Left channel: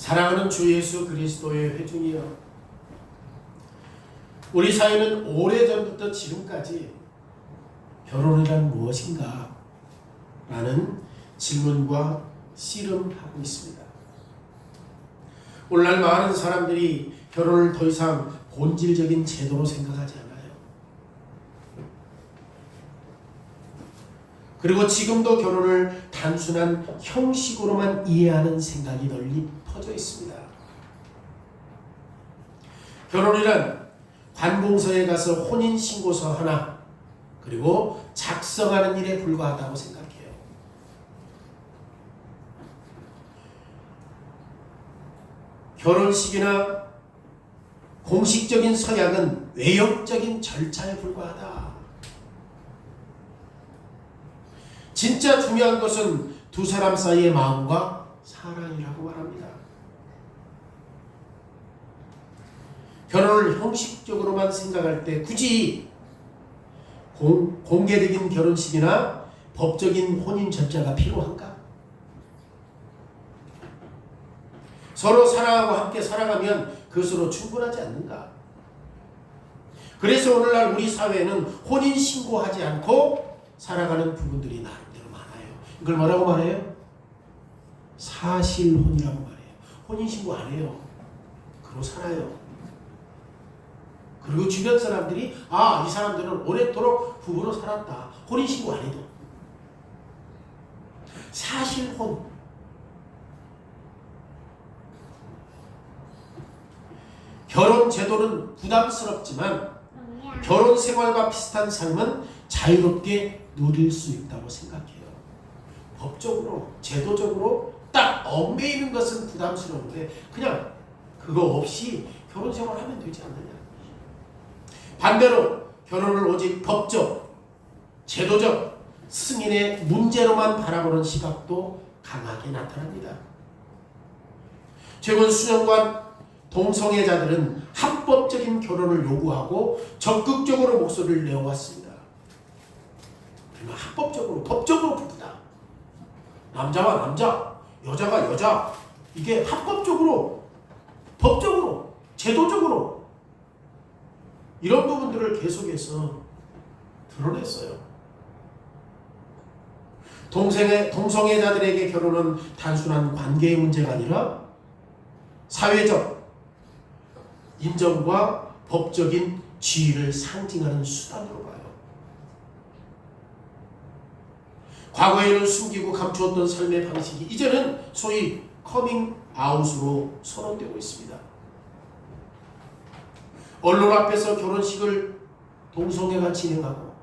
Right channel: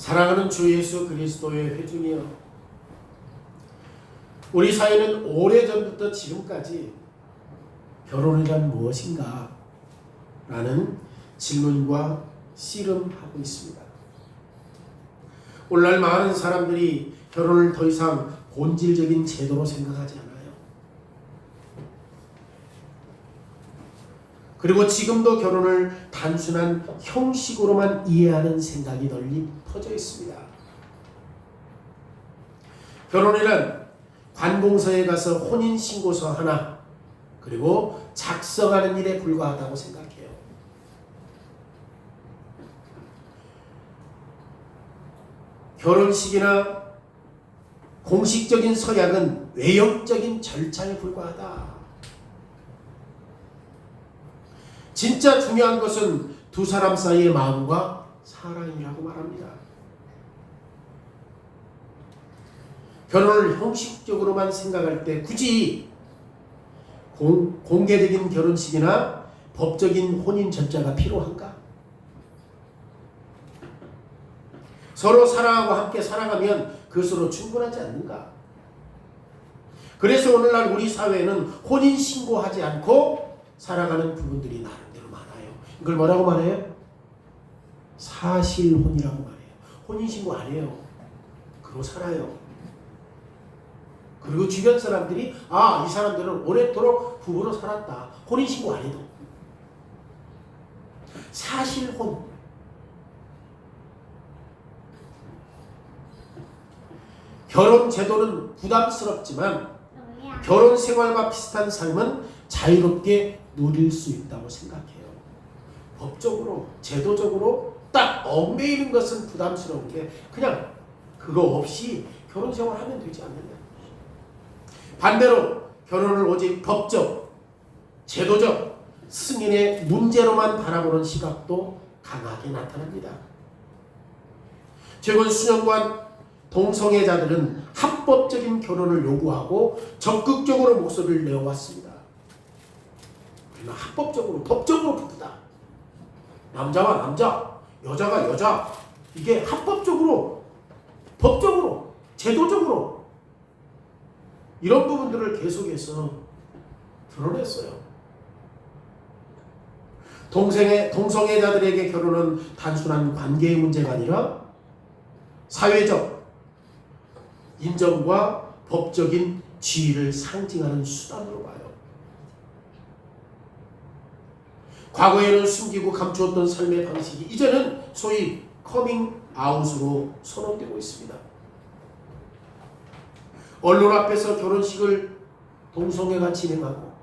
사랑하는 주 예수 그리스도의 회중이여, 우리 사회는 오래전부터 지금까지 결혼이란 무엇인가? 라는 질문과 씨름하고 있습니다. 오늘날 많은 사람들이 결혼을 더 이상 본질적인 제도로 생각하지 않아요. 그리고 지금도 결혼을 단순한 형식으로만 이해하는 생각이 널리 퍼져 있습니다. 결혼이란 관공서에 가서 혼인신고서 하나 그리고 작성하는 일에 불과하다고 생각해요. 결혼식이나 공식적인 서약은 외형적인 절차에 불과하다. 진짜 중요한 것은 두 사람 사이의 마음과 사랑이라고 말합니다. 결혼을 형식적으로만 생각할 때 굳이 공개적인 결혼식이나 법적인 혼인 절차가 필요한가? 서로 사랑하고 함께 살아가면 그것으로 충분하지 않는가? 그래서 오늘날 우리 사회는 혼인신고하지 않고 살아가는 부분들이 나름대로 많아요. 이걸 뭐라고 말해요? 사실혼이라고 말해요. 혼인신고 안 해요. 그러고 살아요. 그리고 주변 사람들이 이 사람들은 오랫도록 부부로 살았다. 혼인신고 안 해도. 사실혼. 결혼 제도는 부담스럽지만 결혼 생활과 비슷한 삶은 자유롭게 누릴 수 있다고 생각해요. 법적으로, 제도적으로 딱 얽매이는 것은 부담스러운데 그냥 그거 없이 결혼 생활하면 되지 않느냐. 반대로 결혼을 오직 법적, 제도적, 승인의 문제로만 바라보는 시각도 강하게 나타납니다. 최근 수년간 동성애자들은 합법적인 결혼을 요구하고 적극적으로 목소리를 내어왔습니다. 그러나 합법적으로, 법적으로 부부다. 남자와 남자, 여자가 여자, 이게 합법적으로, 법적으로, 제도적으로 이런 부분들을 계속해서 드러냈어요. 동성애자들에게 결혼은 단순한 관계의 문제가 아니라 사회적 인정과 법적인 지위를 상징하는 수단으로 봐요. 과거에는 숨기고 감추었던 삶의 방식이 이제는 소위 커밍아웃으로 선언되고 있습니다. 언론 앞에서 결혼식을 동성애가 진행하고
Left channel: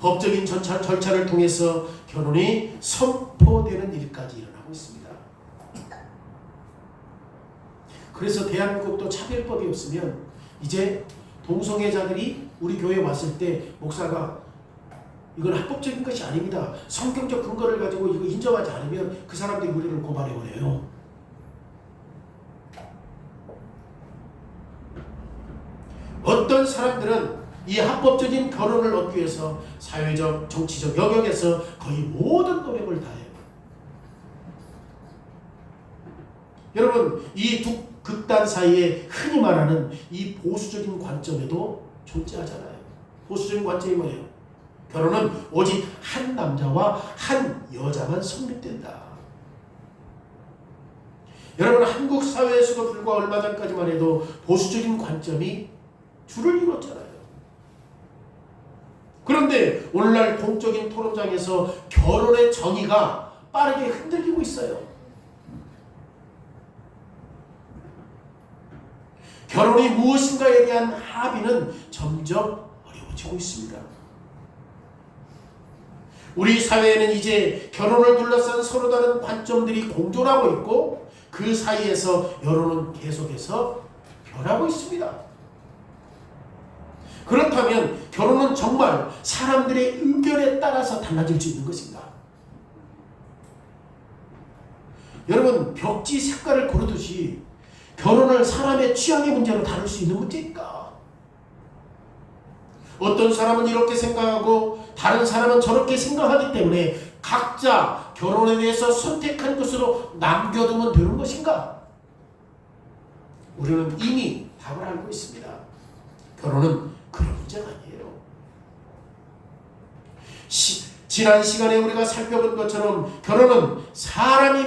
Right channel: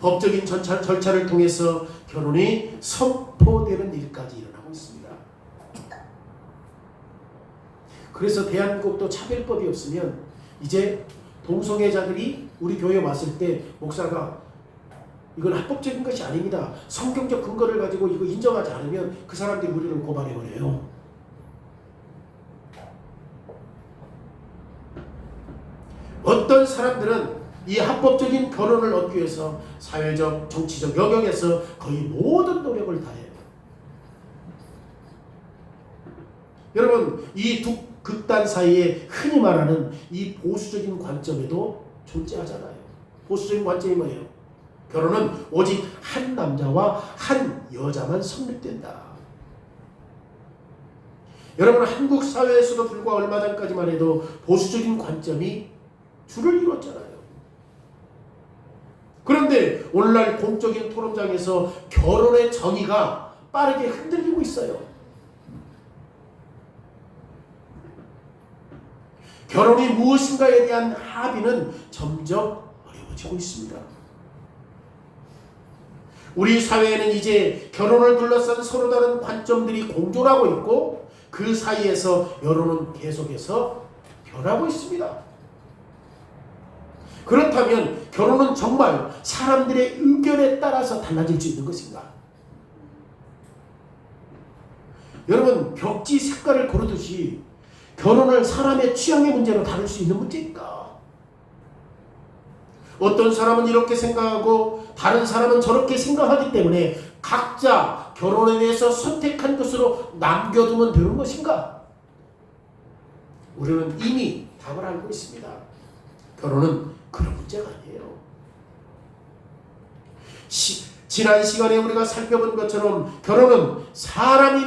법적인 절차를 통해서 결혼이 선포되는 일까지 일어나고 있습니다. 그래서 대한민국도 차별법이 없으면 이제 동성애자들이 우리 교회에 왔을 때 목사가 이건 합법적인 것이 아닙니다. 성경적 근거를 가지고 이거 인정하지 않으면 그 사람들이 우리를 고발해버려요. 어떤 사람들은 이 합법적인 결혼을 얻기 위해서 사회적, 정치적 영역에서 거의 모든 노력을 다해요. 여러분, 이 두 극단 사이에 흔히 말하는 이 보수적인 관점에도 존재하잖아요. 보수적인 관점이 뭐예요? 결혼은 오직 한 남자와 한 여자만 성립된다. 여러분, 한국 사회에서도 불과 얼마 전까지만 해도 보수적인 관점이 줄을 이뤘잖아요. 그런데 오늘날 공적인 토론장에서 결혼의 정의가 빠르게 흔들리고 있어요. 결혼이 무엇인가에 대한 합의는 점점 어려워지고 있습니다. 우리 사회에는 이제 결혼을 둘러싼 서로 다른 관점들이 공존하고 있고 그 사이에서 여론은 계속해서 변하고 있습니다. 그렇다면 결혼은 정말 사람들의 의견에 따라서 달라질 수 있는 것인가? 여러분, 벽지 색깔을 고르듯이 결혼을 사람의 취향의 문제로 다룰 수 있는 문제일까? 어떤 사람은 이렇게 생각하고 다른 사람은 저렇게 생각하기 때문에 각자 결혼에 대해서 선택한 것으로 남겨두면 되는 것인가? 우리는 이미 답을 알고 있습니다. 결혼은 그런 문제가 아니에요. 지난 시간에 우리가 살펴본 것처럼 결혼은 사람이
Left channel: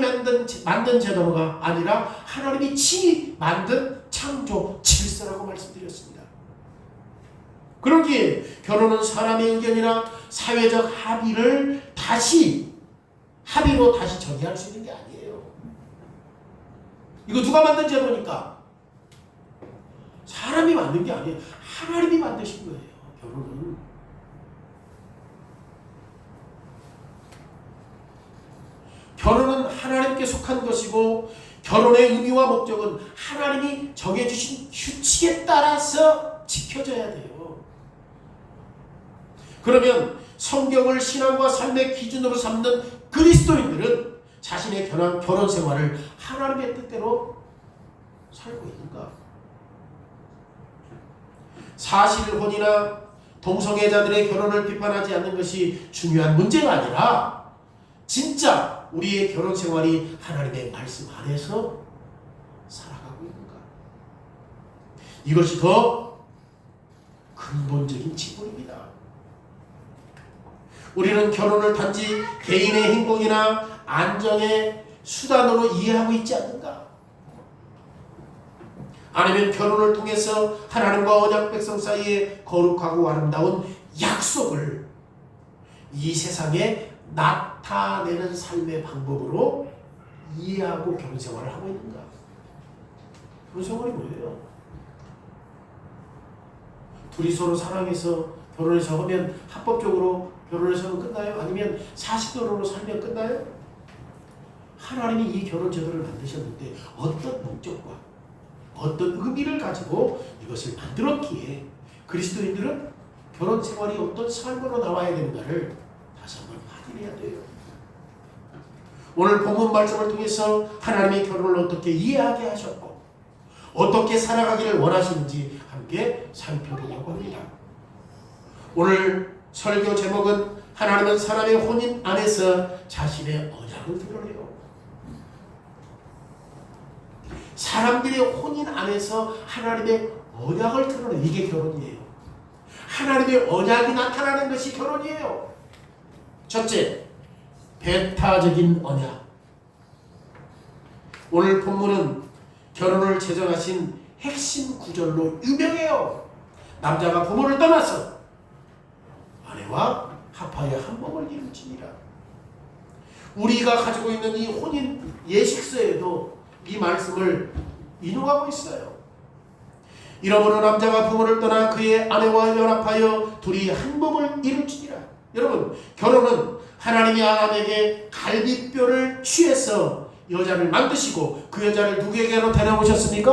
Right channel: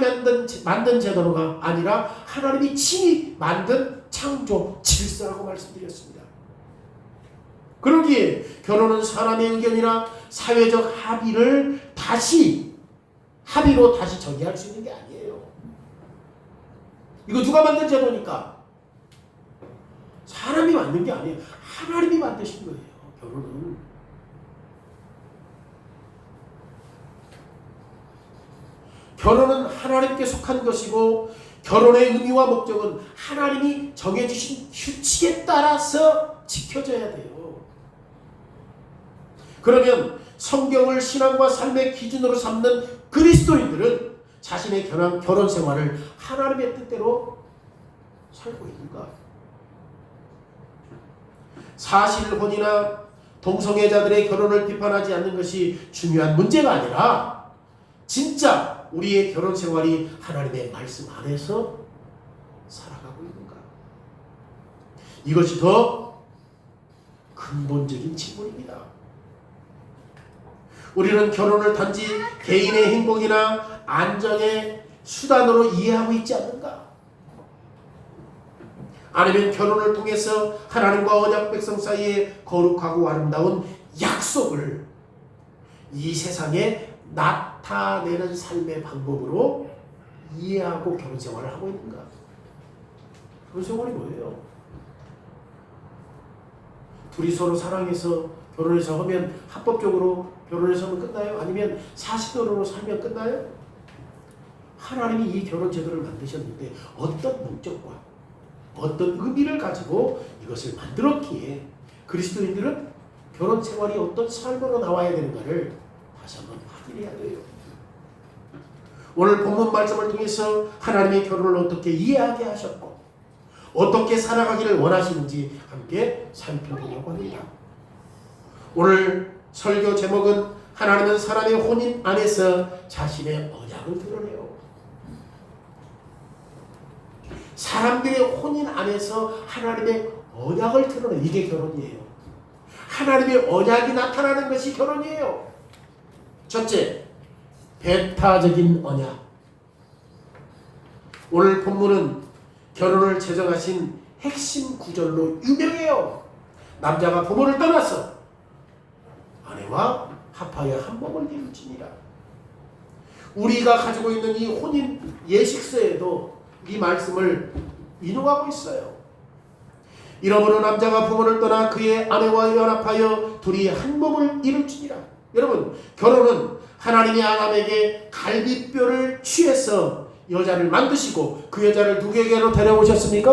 만든 제도가 아니라 하나님이 친히 만든 창조 질서라고 말씀드렸습니다. 그러기에 결혼은 사람의 의견이나 사회적 합의로 다시 정의할 수 있는 게 아니에요. 이거 누가 만든 제도니까? 사람이 만든 게 아니에요. 하나님이 만드신 거예요. 결혼은. 결혼은 하나님께 속한 것이고 결혼의 의미와 목적은 하나님이 정해주신 규칙에 따라서 지켜져야 돼요. 그러면 성경을 신앙과 삶의 기준으로 삼는 그리스도인들은 자신의 결혼 생활을 하나님의 뜻대로 살고 있는가? 사실혼이나 동성애자들의 결혼을 비판하지 않는 것이 중요한 문제가 아니라 진짜 우리의 결혼 생활이 하나님의 말씀 안에서 살아가고 있는가? 이것이 더 근본적인 질문입니다. 우리는 결혼을 단지 개인의 행복이나 안정의 수단으로 이해하고 있지 않는가? 아니면 결혼을 통해서 하나님과 언약 백성 사이에 거룩하고 아름다운 약속을 이 세상에 나타내는 삶의 방법으로 이해하고 결혼 생활을 하고 있는가? 결혼 생활이 뭐예요? 둘이 서로 사랑해서 결혼해서 하면 합법적으로 결혼해서는 끝나요? 아니면 사실대로 살면 끝나요? 하나님이 이 결혼 제도를 만드셨는데 어떤 목적과 어떤 의미를 가지고 이것을 만들었기에 그리스도인들은 결혼 생활이 어떤 삶으로 나와야 되는가를 다시 한번 확인해야 돼요. 오늘 본문 말씀을 통해서 하나님의 결혼을 어떻게 이해하게 하셨고 어떻게 살아가기를 원하시는지 함께 살펴보려고 합니다. 오늘 설교 제목은 하나님은 사람의 혼인 안에서 자신의 언약을 드러내요. 사람들의 혼인 안에서 하나님의 언약을 드러내. 이게 결혼이에요. 하나님의 언약이 나타나는 것이 결혼이에요. 첫째, 배타적인 언약. 오늘 본문은 결혼을 제정하신 핵심 구절로 유명해요. 남자가 부모를 떠나서 아내와 합하여 한 몸을 이루지니라. 우리가 가지고 있는 이 혼인 예식서에도 이 말씀을 인용하고 있어요. 이러므로 남자가 부모를 떠나 그의 아내와 연합하여 둘이 한 몸을 이룰지니라. 여러분, 결혼은 하나님이 아담에게 갈비뼈를 취해서 여자를 만드시고 그 여자를 누구에게로 데려오셨습니까?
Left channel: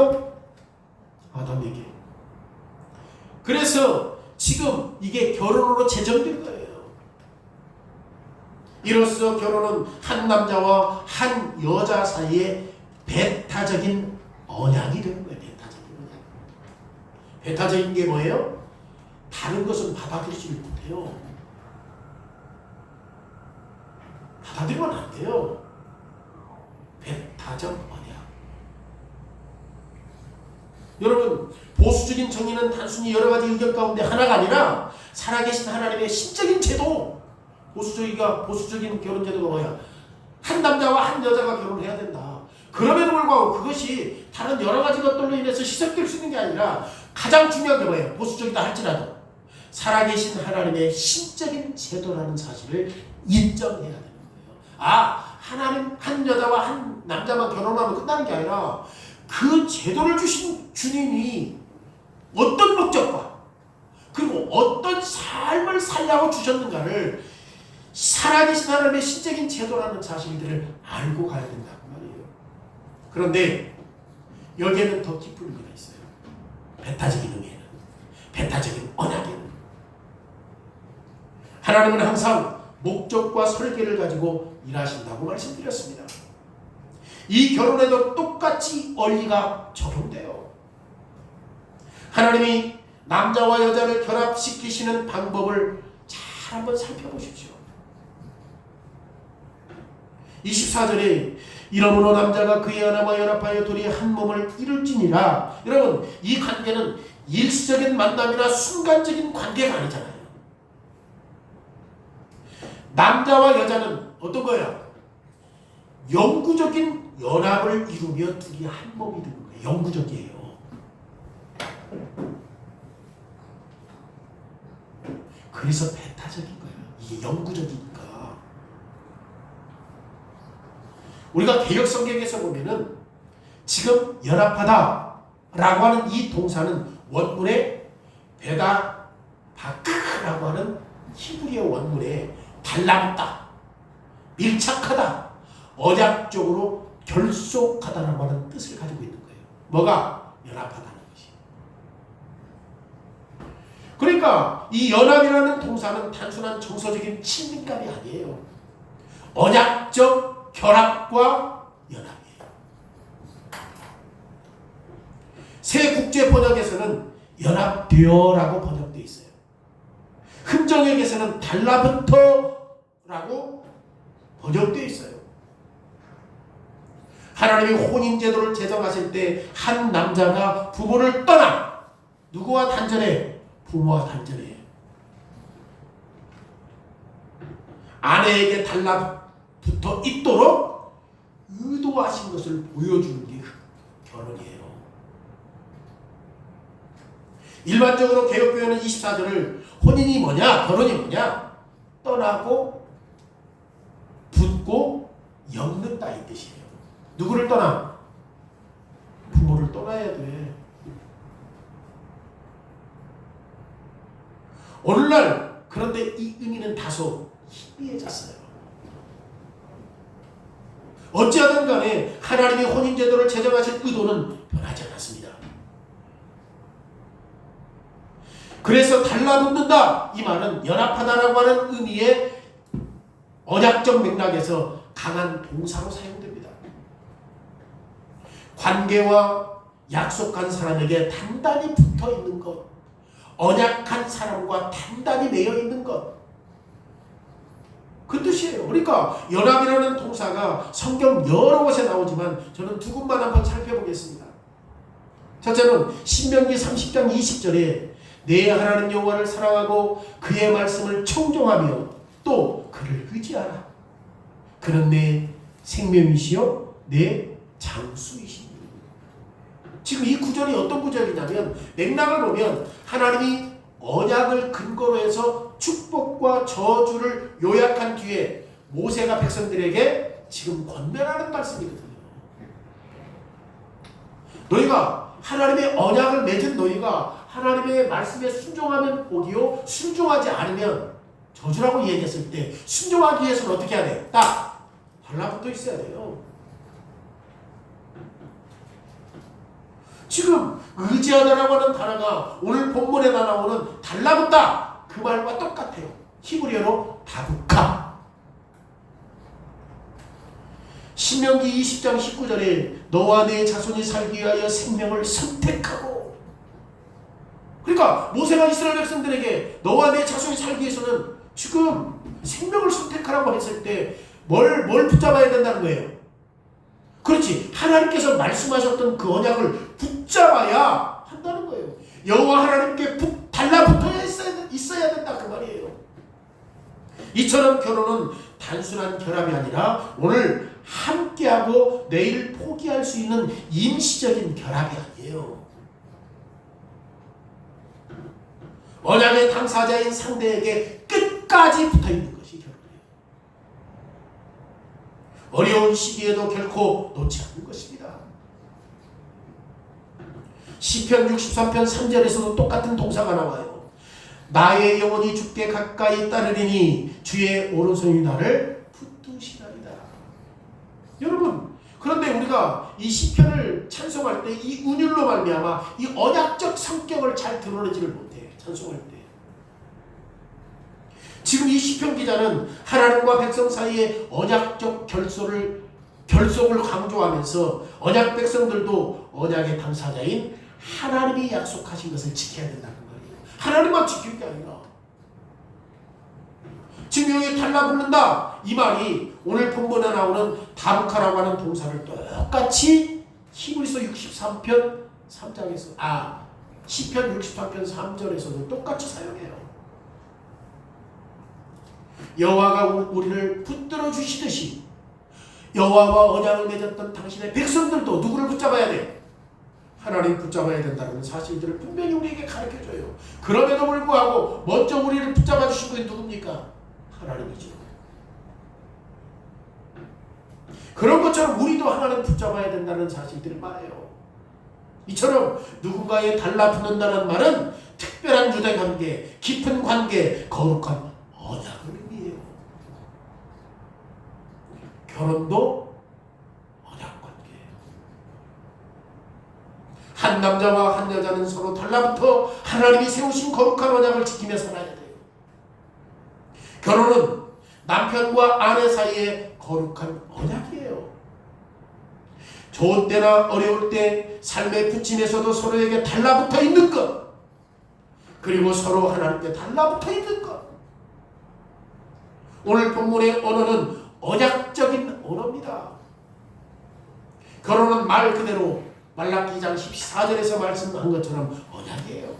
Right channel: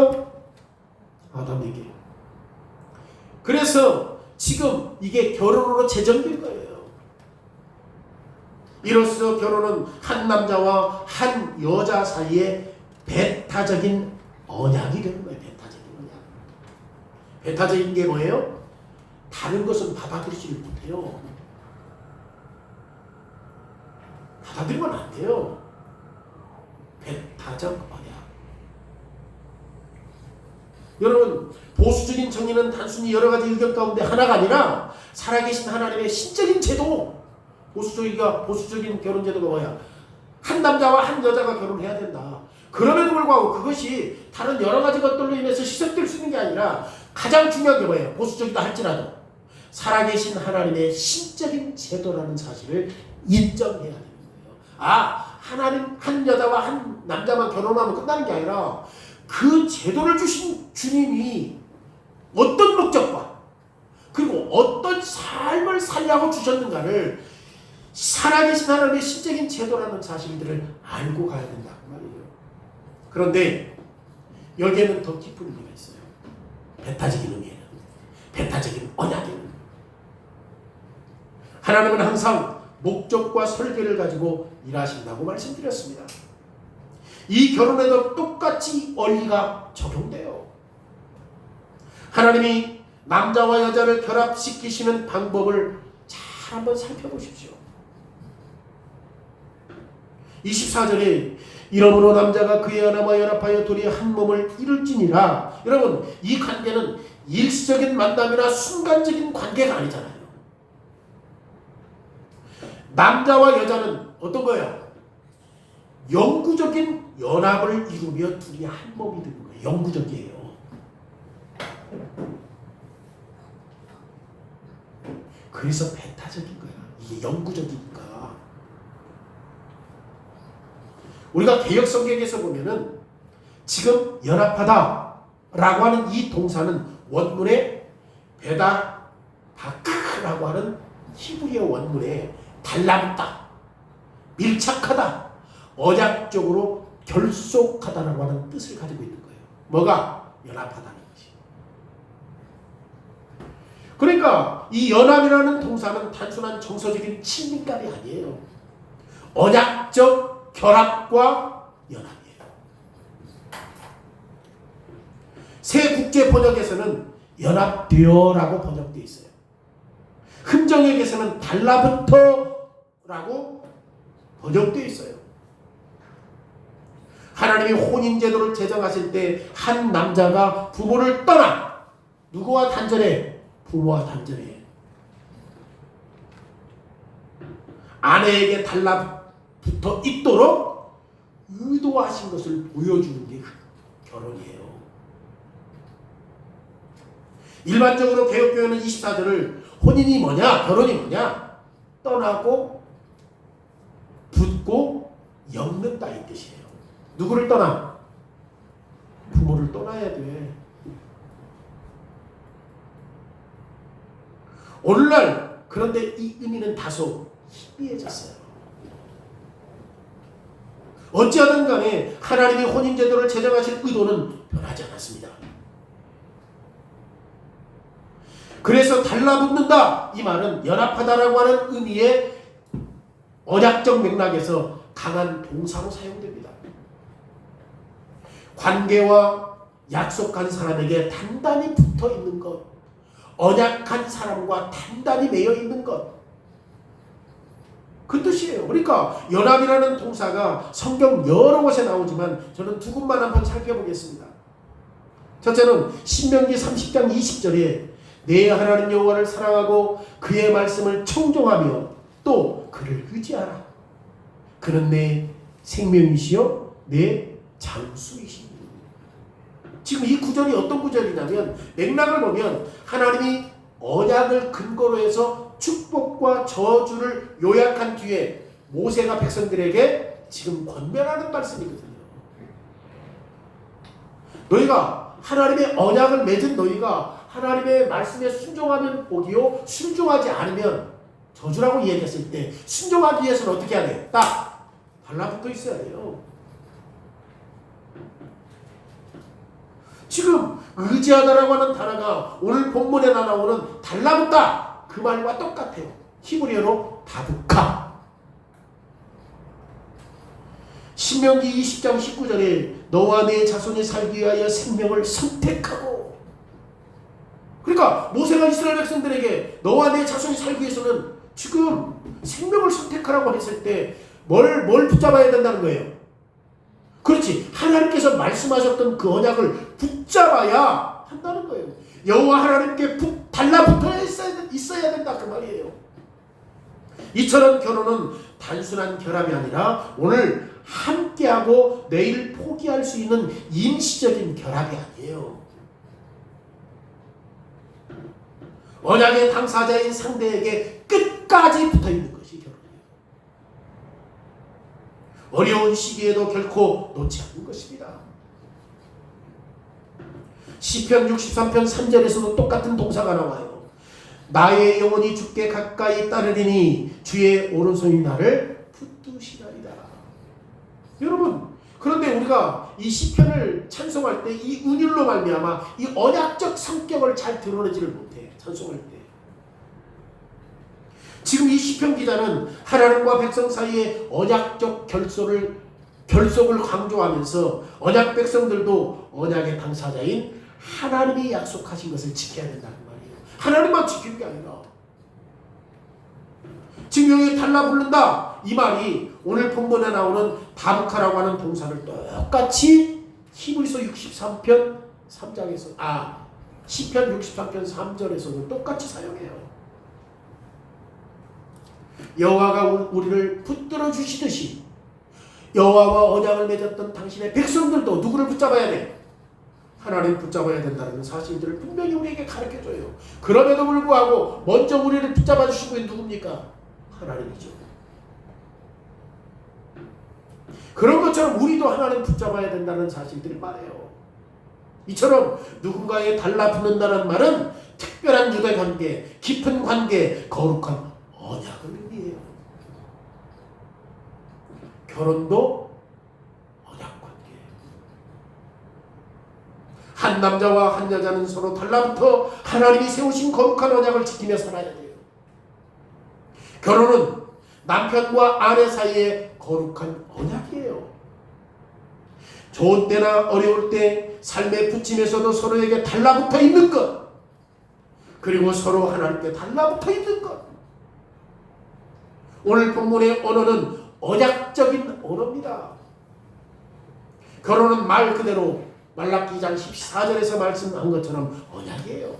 아담에게. 그래서 지금 이게 결혼으로 제정된 거예요. 이로써 결혼은 한 남자와 한 여자 사이에 배타적인 언약이 되는 거예요. 배타적인 언약. 배타적인 게 뭐예요? 다른 것은 받아들이지 못해요. 받아들이면 안 돼요. 배타적 언약. 여러분, 보수적인 정의는 단순히 여러 가지 의견 가운데 하나가 아니라 살아계신 하나님의 신적인 제도. 보수적인 결혼 제도가 뭐야? 한 남자와 한 여자가 결혼해야 된다. 그럼에도 불구하고 그것이 다른 여러 가지 것들로 인해서 희석될 수 있는 게 아니라 가장 중요한 게 뭐예요? 보수적이다 할지라도 살아계신 하나님의 신적인 제도라는 사실을 인정해야 되는 거예요. 하나님 한 여자와 한 남자만 결혼하면 끝나는 게 아니라 그 제도를 주신 주님이 어떤 목적과 그리고 어떤 삶을 살려고 주셨는가를 살아계신 하나님의 신적인 제도라는 사실들을 알고 가야 된다 그 말이에요. 그런데 여기에는 더 깊은 의미가 있어요. 배타적인 의미에는, 배타적인 언약에는 하나님은 항상 목적과 설계를 가지고 일하신다고 말씀드렸습니다. 이 결혼에도 똑같이 원리가 적용돼요. 하나님이 남자와 여자를 결합시키시는 방법을 잘 한번 살펴보십시오. 24절에 이러므로 남자가 그의 아내와 연합하여 둘이 한 몸을 이룰지니라. 여러분, 이 관계는 일시적인 만남이나 순간적인 관계가 아니잖아요. 남자와 여자는 어떤 거예요? 영구적인 연합을 이루며 둘이 한 몸이 되는 거예요. 영구적이에요. 그래서 배타적인 거예요. 이게 영구적이니까. 우리가 개역 성경에서 보면은 지금 연합하다 라고 하는 이 동사는 원문에 베다 바크라고 하는 히브리어 원문에 달라붙다, 밀착하다, 언약적으로 결속하다라고 하는 뜻을 가지고 있는 거예요. 뭐가? 연합하다는 것이. 그러니까 이 연합이라는 동사는 단순한 정서적인 친밀감이 아니에요. 언약적 결합과 연합이에요. 새 국제 번역에서는 연합되어라고 번역되어 있어요. 흔정역에서는 달라붙어라고 번역되어 있어요. 하나님이 혼인제도를 제정하실 때 한 남자가 부모를 떠나 누구와 단절해? 부모와 단절해. 아내에게 달라붙어 있도록 의도하신 것을 보여주는 게 결혼이에요. 일반적으로 개역교회는 24절을 혼인이 뭐냐? 결혼이 뭐냐? 떠나고 붙고 엮는다 이 뜻이에요. 누구를 떠나? 부모를 떠나야 돼. 오늘날 그런데 이 의미는 다소 희미해졌어요. 어찌하든 간에 하나님이 혼인제도를 제정하실 의도는 변하지 않았습니다. 그래서 달라붙는다 이 말은 연합하다라고 하는 의미의 언약적 맥락에서 강한 동사로 사용됩니다. 관계와 약속한 사람에게 단단히 붙어있는 것, 언약한 사람과 단단히 매여있는 것, 그 뜻이에요. 그러니까 연합이라는 동사가 성경 여러 곳에 나오지만 저는 두 군만 한번 살펴보겠습니다. 첫째는 신명기 30장 20절에 내 하나님 여호와를 사랑하고 그의 말씀을 청종하며 또 그를 의지하라. 그는 내 생명이시요 내 장수이시니. 지금 이 구절이 어떤 구절이냐면 맥락을 보면 하나님이 언약을 근거로 해서 축복과 저주를 요약한 뒤에 모세가 백성들에게 지금 권면하는 말씀이거든요. 너희가 하나님의 언약을 맺은 너희가 하나님의 말씀에 순종하면 복이요 순종하지 않으면 저주라고 얘기했을 때 순종하기 위해서는 어떻게 해야 돼? 딱 달라붙어 있어야 돼요. 지금 의지하다라고 하는 단어가 오늘 본문에 나오는 달라붙다 그 말과 똑같아요. 히브리어로 다부카. 신명기 20장 19절에 너와 내 자손이 살기 위하여 생명을 선택하고, 그러니까 모세가 이스라엘 백성들에게 너와 내 자손이 살기 위해서는 지금 생명을 선택하라고 했을 때 뭘 붙잡아야 된다는 거예요? 그렇지. 하나님께서 말씀하셨던 그 언약을 붙잡아야 한다는 거예요. 여호와 하나님께 달라붙어 있어야 된다 그 말이에요. 이처럼 결혼은 단순한 결합이 아니라 오늘 함께하고 내일 포기할 수 있는 임시적인 결합이 아니에요. 언약의 당사자인 상대에게 끝까지 붙어있는 것이 결혼이에요. 어려운 시기에도 결코 놓지 않는 것입니다. 시편 63편 3절에서도 똑같은 동사가 나와요. 나의 영혼이 주께 가까이 따르리니 주의 오른손이 나를 붙드시나이다. 여러분, 그런데 우리가 이 시편을 찬송할 때 이 운율로 말미암아 이 언약적 성격을 잘 드러내지를 못해. 찬송할 때 지금 이 시편 기자는 하나님과 백성 사이의 언약적 결속을 강조하면서 언약 백성들도 언약의 당사자인 하나님이 약속하신 것을 지켜야 된다는 말이에요. 하나님만 지키는 게 아니라 지금 여기 달라붙는다 이 말이 오늘 본문에 나오는 다부카라고 하는 동사를 똑같이 히브리서 63편 3장에서 시편 63편 3절에서도 똑같이 사용해요. 여호와가 우리를 붙들어 주시듯이 여호와와 언약을 맺었던 당신의 백성들도 누구를 붙잡아야 돼? 하나님 붙잡아야 된다는 사실들을 분명히 우리에게 가르쳐줘요. 그럼에도 불구하고 먼저 우리를 붙잡아 주신 분이 누굽니까? 하나님이죠. 그런 것처럼 우리도 하나님 붙잡아야 된다는 사실들을 말해요. 이처럼 누군가에 달라붙는다는 말은 특별한 유대 관계, 깊은 관계, 거룩한 언약을 의미해요. 결혼도 언약 관계예요. 한 남자와 한 여자는 서로 달라붙어 하나님이 세우신 거룩한 언약을 지키며 살아야 돼요. 결혼은 남편과 아내 사이의 거룩한 언약이에요. 좋은 때나 어려울 때 삶의 부침에서도 서로에게 달라붙어 있는 것, 그리고 서로 하나님께 달라붙어 있는 것. 오늘 본문의 언어는 언약적인 언어입니다. 결혼은 말 그대로 말라기 2장 14절에서 말씀한 것처럼 언약이에요.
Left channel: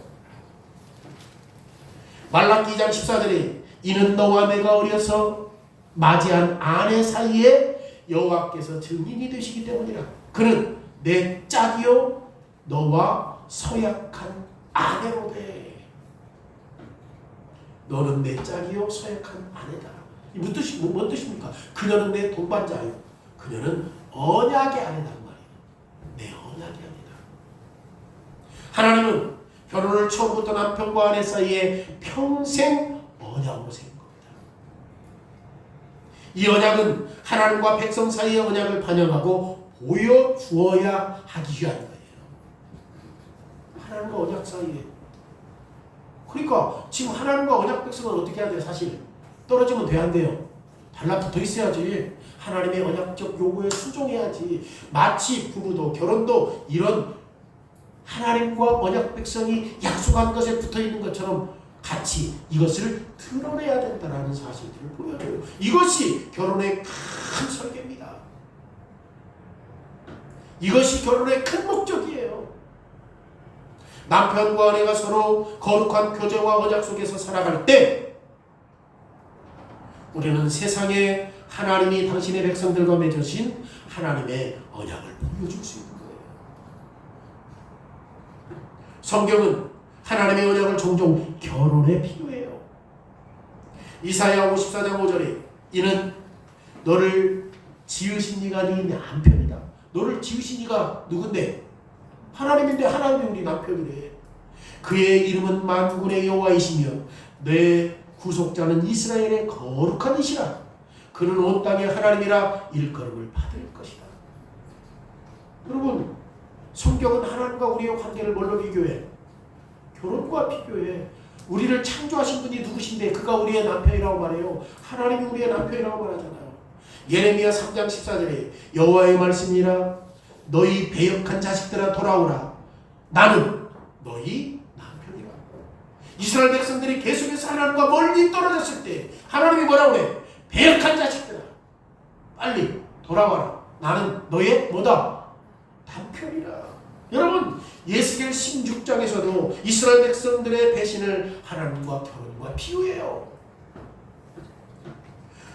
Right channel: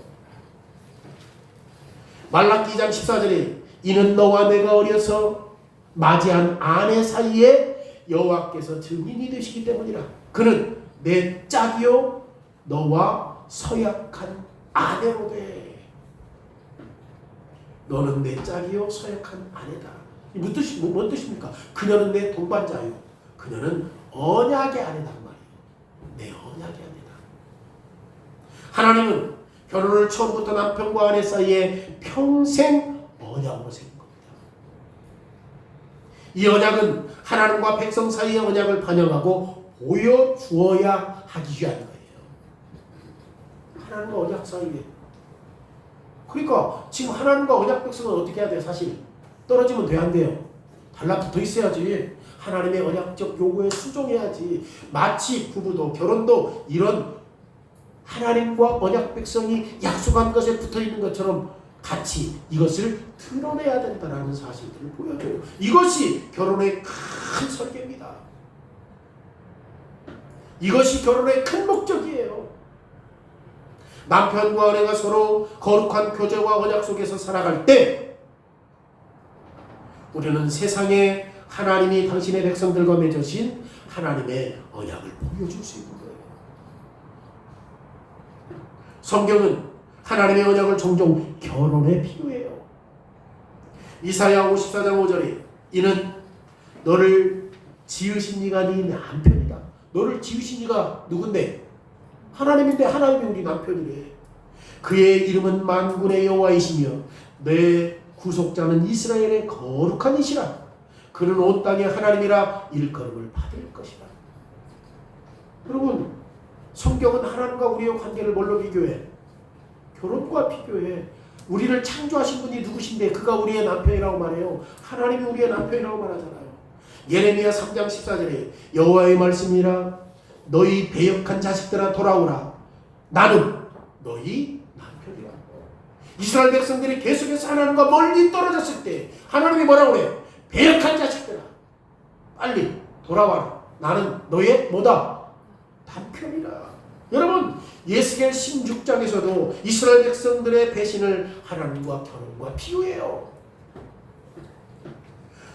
말라기 2장 14절에 이는 너와 내가 어려서 맞이한 아내 사이에 여호와께서 증인이 되시기 때문이라. 그는 내 짝이요 너와 서약한 아내로되. 너는 내 짝이요 서약한 아내다. 뭔 뜻입니까? 그녀는 내 동반자요. 그녀는 언약의 아내란 말이에요. 내 언약의 아내다. 하나님은 결혼을 처음부터 남편과 아내 사이에 평생 언약으로 세운 겁니다. 이 언약은 하나님과 백성 사이의 언약을 반영하고 보여주어야 하기 위한 거예요. 하나님과 언약 사이에. 그러니까 지금 하나님과 언약 백성은 어떻게 해야 돼요? 사실 떨어지면 돼야 안 돼요. 달라붙어 있어야지. 하나님의 언약적 요구에 순종해야지. 마치 부부도 결혼도 이런 하나님과 언약 백성이 약속한 것에 붙어 있는 것처럼 같이 이것을 드러내야 된다는 사실들을 보여줘요. 이것이 결혼의 큰 설계입니다. 이것이 결혼의 큰 목적이에요. 남편과 아내가 서로 거룩한 교제와 언약 속에서 살아갈 때 우리는 세상에 하나님이 당신의 백성들과 맺으신 하나님의 언약을 보여줄 수 있는 거예요. 성경은 하나님의 언약을 종종 결혼에 비유해요. 이사야 54장 5절에 이는 너를 지으신 이가 네 남편이다. 너를 지으신 이가 누군데? 하나님인데 하나님이 우리 남편이래. 그의 이름은 만군의 여호와이시며 내 구속자는 이스라엘의 거룩한 이시라. 그는 온 땅의 하나님이라 일컬음을 받을 것이다. 여러분, 성경은 하나님과 우리의 관계를 뭘로 비교해? 결혼과 비교해. 우리를 창조하신 분이 누구신데 그가 우리의 남편이라고 말해요. 하나님이 우리의 남편이라고 말하잖아요. 예레미야 3장 14절에 여호와의 말씀이라 너희 배역한 자식들아 돌아오라. 나는 너희 남편이라. 이스라엘 백성들이 계속해서 하나님과 멀리 떨어졌을 때 하나님이 뭐라고 그래? 배역한 자식들아 빨리 돌아와라. 나는 너의 뭐다? 남편이라. 여러분, 예스겔 16장에서도 이스라엘 백성들의 배신을 하나님과 결혼과 비유해요.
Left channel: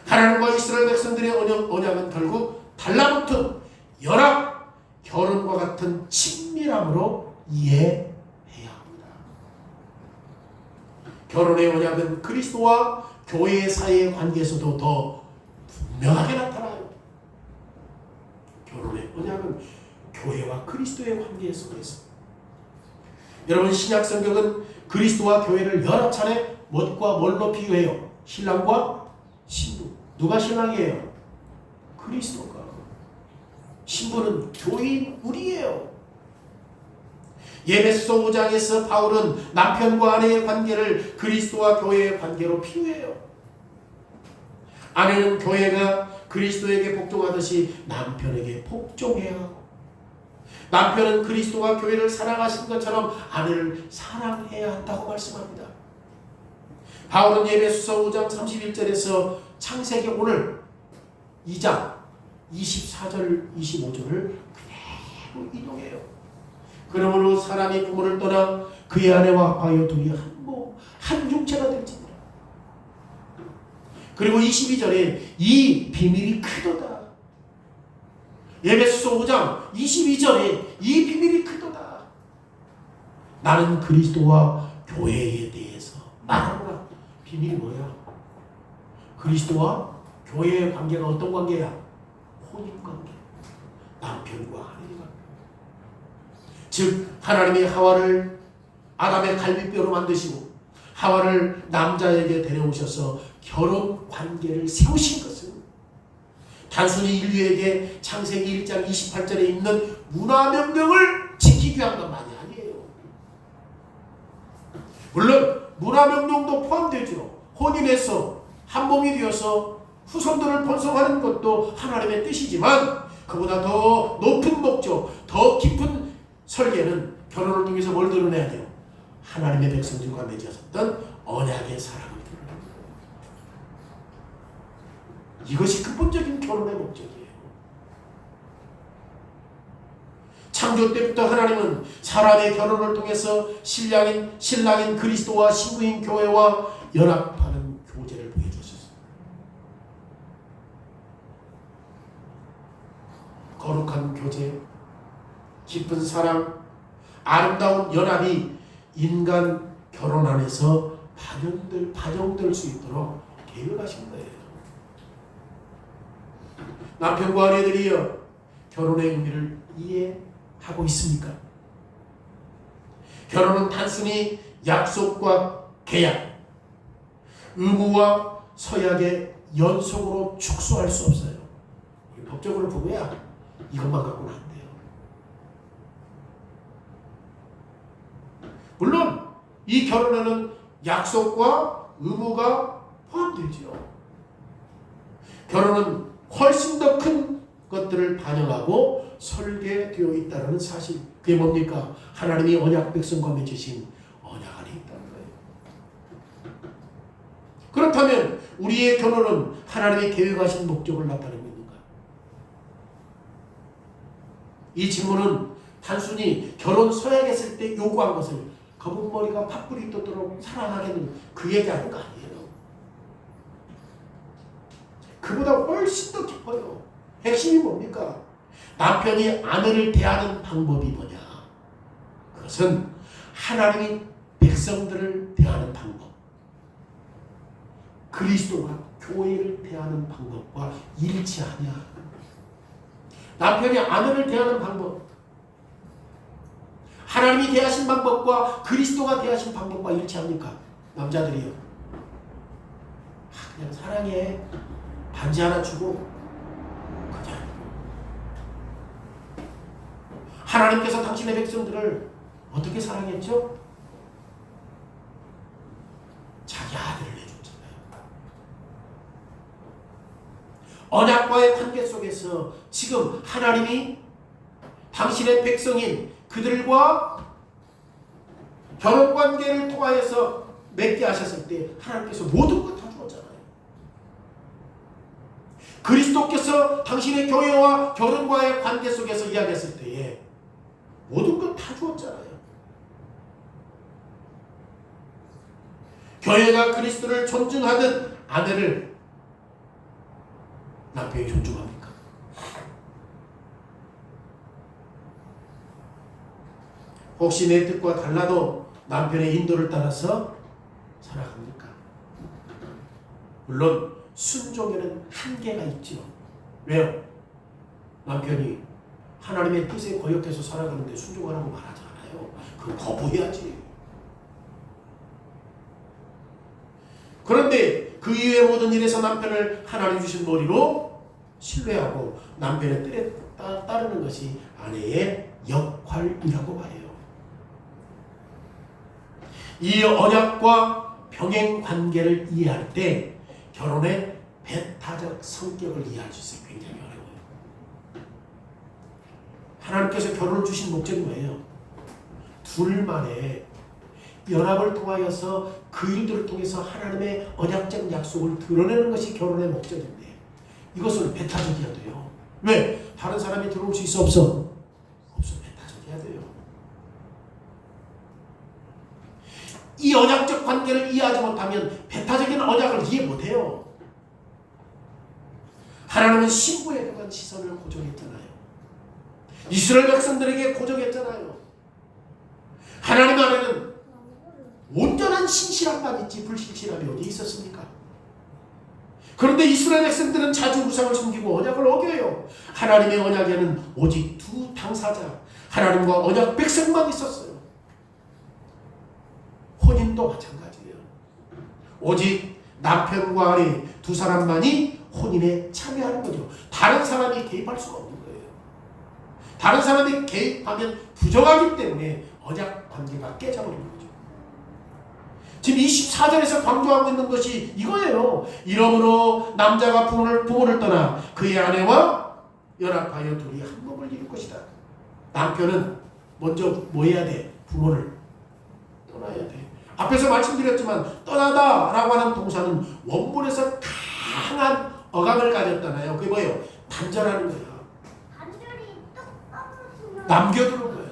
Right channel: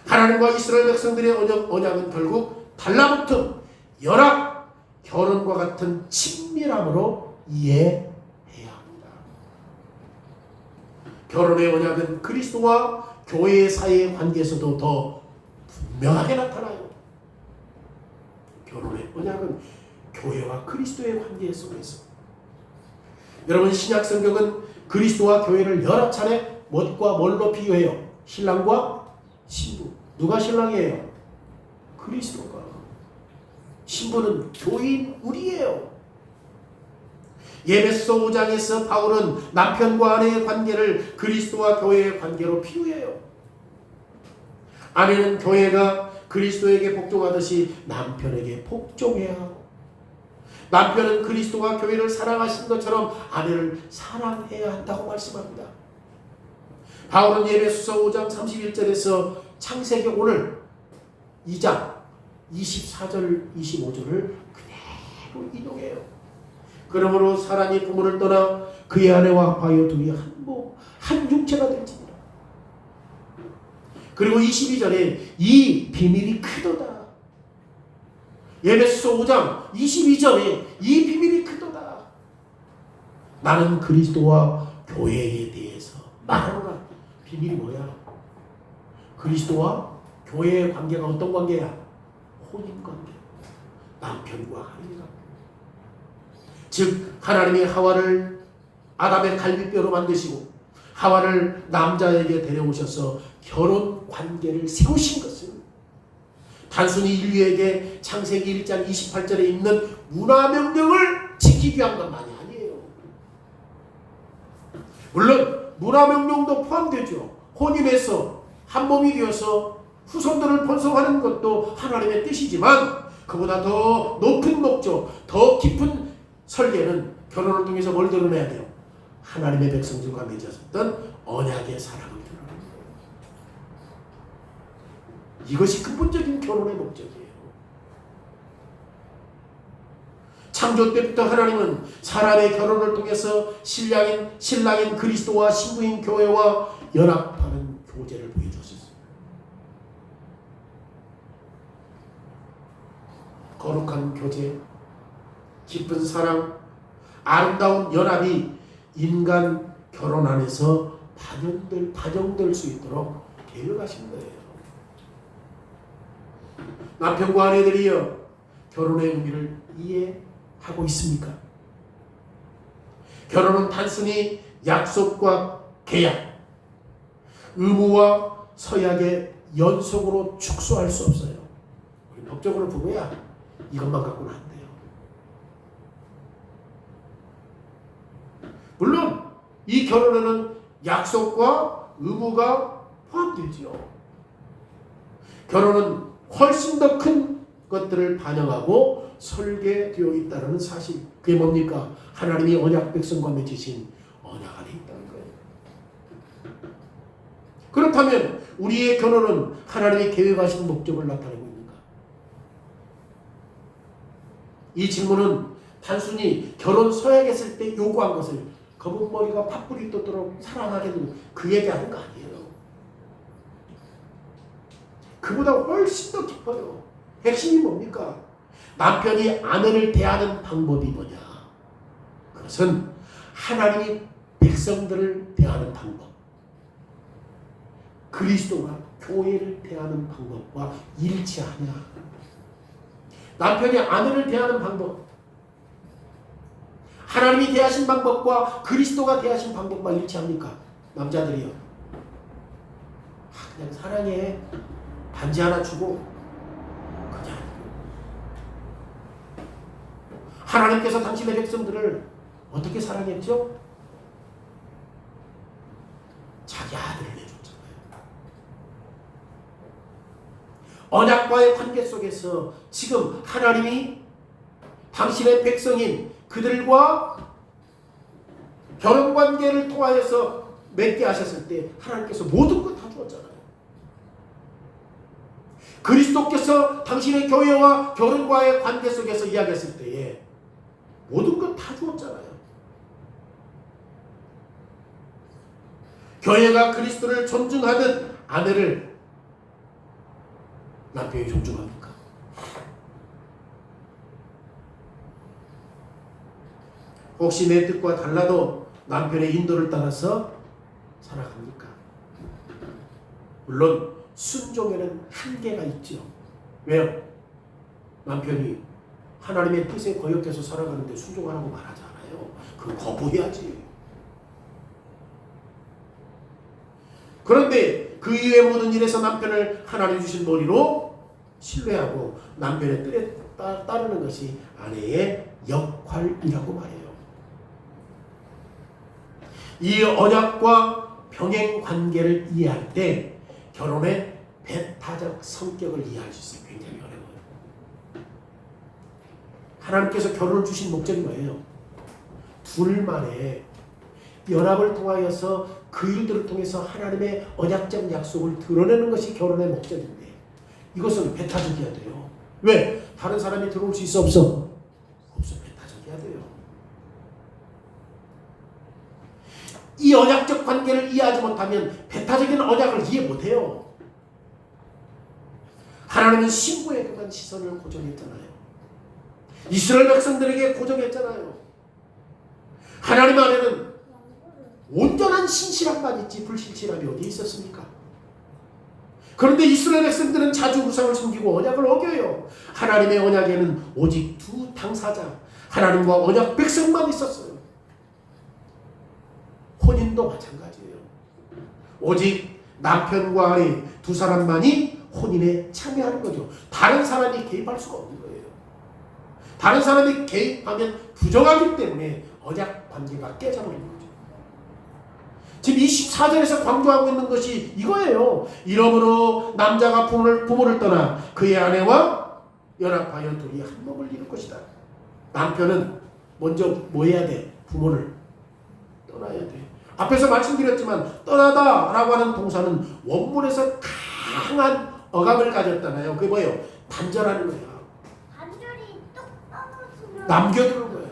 하나님과 이스라엘 백성들의 언약은 결국 달라붙은 연합, 결혼과 같은 친밀함으로 이해해야 합니다. 결혼의 언약은 그리스도와 교회 사이의 관계에서도 더 분명하게 나타나요. 결혼의 언약은 교회와 그리스도의 관계 속에서. 여러분, 신약 성경은 그리스도와 교회를 여러 차례 무엇과 뭘로 비교해요? 신랑과 신부. 누가 신랑이에요? 그리스도가. 신부는 교인 우리예요. 에베소 5장에서 바울은 남편과 아내의 관계를 그리스도와 교회의 관계로 비유해요. 아내는 교회가 그리스도에게 복종하듯이 남편에게 복종해야 하고, 남편은 그리스도가 교회를 사랑하신 것처럼 아내를 사랑해야 한다고 말씀합니다. 바울은 에베소서 5장 31절에서 창세기 오늘 2장 24절 25절을 그대로 인용해요. 그러므로 사람이 부모를 떠나 그의 아내와 합하여 둘이 한 육체가 될지니라. 그리고 22절에 이 비밀이 크도다. 에베소서 5장 22절에 이 비밀이 크도다. 나는 그리스도와 교회에 대해서 말하노라. 비밀이 뭐야? 그리스도와 교회의 관계가 어떤 관계야? 혼인관계. 남편과 아내의 관계. 즉 하나님이 하와를 아담의 갈비뼈로 만드시고 하와를 남자에게 데려오셔서 결혼 관계를 세우신 것은 단순히 인류에게 창세기 1장 28절에 있는 문화명령을 지키기 위한 것만이 아니에요. 물론 문화명령도 포함되죠. 혼인해서 한 몸이 되어서 후손들을 번성하는 것도 하나님의 뜻이지만 그보다 더 높은 목적, 더 깊은 설계는 결혼을 통해서 뭘 드러내야 돼요? 하나님의 백성들과 맺어졌던 언약의 사랑을 드러내는 거예요. 이것이 근본적인 결혼의 목적이에요. 창조 때부터 하나님은 사람의 결혼을 통해서 신랑인 그리스도와 신부인 교회와 연합하는 교제를 보여주셨어요. 거룩한 교제, 깊은 사랑, 아름다운 연합이 인간 결혼 안에서 반영될 수 있도록 계획하신 거예요. 남편과 아내들이여 결혼의 의미를 이해하고 있습니까? 결혼은 단순히 약속과 계약, 의무와 서약의 연속으로 축소할 수 없어요. 우리 법적으로 보고야 이것만 갖고는 안 돼요. 물론 이 결혼에는 약속과 의무가 포함되지요. 결혼은 훨씬 더 큰 것들을 반영하고 설계되어 있다는 사실. 그게 뭡니까? 하나님이 언약 백성과 맺으신 언약 안에 있다는 거예요. 그렇다면 우리의 결혼은 하나님의 계획하신 목적을 나타내고 있는가? 이 질문은 단순히 결혼 서약했을 때 요구한 것을 거북머리가 팥불이 돋도록 사랑하겠는 그 얘기하는 거 아니에요. 그보다 훨씬 더 깊어요. 핵심이 뭡니까? 남편이 아내를 대하는 방법이 뭐냐? 그것은 하나님이 백성들을 대하는 방법, 그리스도가 교회를 대하는 방법과 일치하냐? 남편이 아내를 대하는 방법, 하나님이 대하신 방법과 그리스도가 대하신 방법과 일치합니까? 남자들이요. 그냥 사랑해. 반지 하나 주고 그냥. 하나님께서 당신의 백성들을 어떻게 사랑했죠? 자기 아들을 내줬잖아요. 언약과의 관계 속에서 지금 하나님이 당신의 백성인 그들과 결혼관계를 통하여서 맺게 하셨을 때 하나님께서 모든 것 다 주었잖아요. 그리스도께서 당신의 교회와 결혼과의 관계 속에서 이야기했을 때에 모든 것 다 주었잖아요. 교회가 그리스도를 존중하듯 아내를 남편이 존중합니까? 혹시 내 뜻과 달라도 남편의 인도를 따라서 살아갑니까? 물론 순종에는 한계가 있죠. 왜요? 남편이 하나님의 뜻에 거역해서 살아가는데 순종하라고 말하지 않아요. 그건 거부해야지. 그런데 그 이외의 모든 일에서 남편을 하나님 주신 도리로 신뢰하고 남편의 뜻에 따르는 것이 아내의 역할이라고 말해요. 이 언약과 병행 관계를 이해할 때 결혼의 배타적 성격을 이해할 수 있어요. 굉장히 어려워요. 하나님께서 결혼을 주신 목적이 뭐예요? 둘만의 연합을 통하여서 그 일들을 통해서 하나님의 언약적 약속을 드러내는 것이 결혼의 목적인데 이것은 배타적이어야 돼요. 왜? 다른 사람이 들어올 수 있어 없어? 없어. 배타적이어야 돼요. 이 언약적 관계를 이해하지 못하면 배타적인 언약을 이해 못해요. 하나님은 신부에 대한 시선을 고정했잖아요. 이스라엘 백성들에게 고정했잖아요. 하나님 안에는 온전한 신실함만 있지 불신실함이 어디 있었습니까? 그런데 이스라엘 백성들은 자주 우상을 섬기고 언약을 어겨요. 하나님의 언약에는 오직 두 당사자, 하나님과 언약 백성만 있었어요. 혼인도 마찬가지예요. 오직 남편과 아내 두 사람만이 혼인에 참여하는 거죠. 다른 사람이 개입할 수가 없는 거예요. 다른 사람이 개입하면 부정하기 때문에 언약 관계가 깨져버리는 거죠. 지금 24절에서 강조하고 있는 것이 이거예요. 이러므로 남자가 부모를 떠나 그의 아내와 연합하여 둘이 한 몸을 이룰 것이다. 남편은 먼저 뭐 해야 돼? 부모를 떠나야 돼. 앞에서 말씀드렸지만 떠나다 라고 하는 동사는 원문에서 강한 어감을 가졌잖아요. 그게 뭐예요? 단절하는 거야. 단절이 뚝 떨어지면 남겨두는 거야.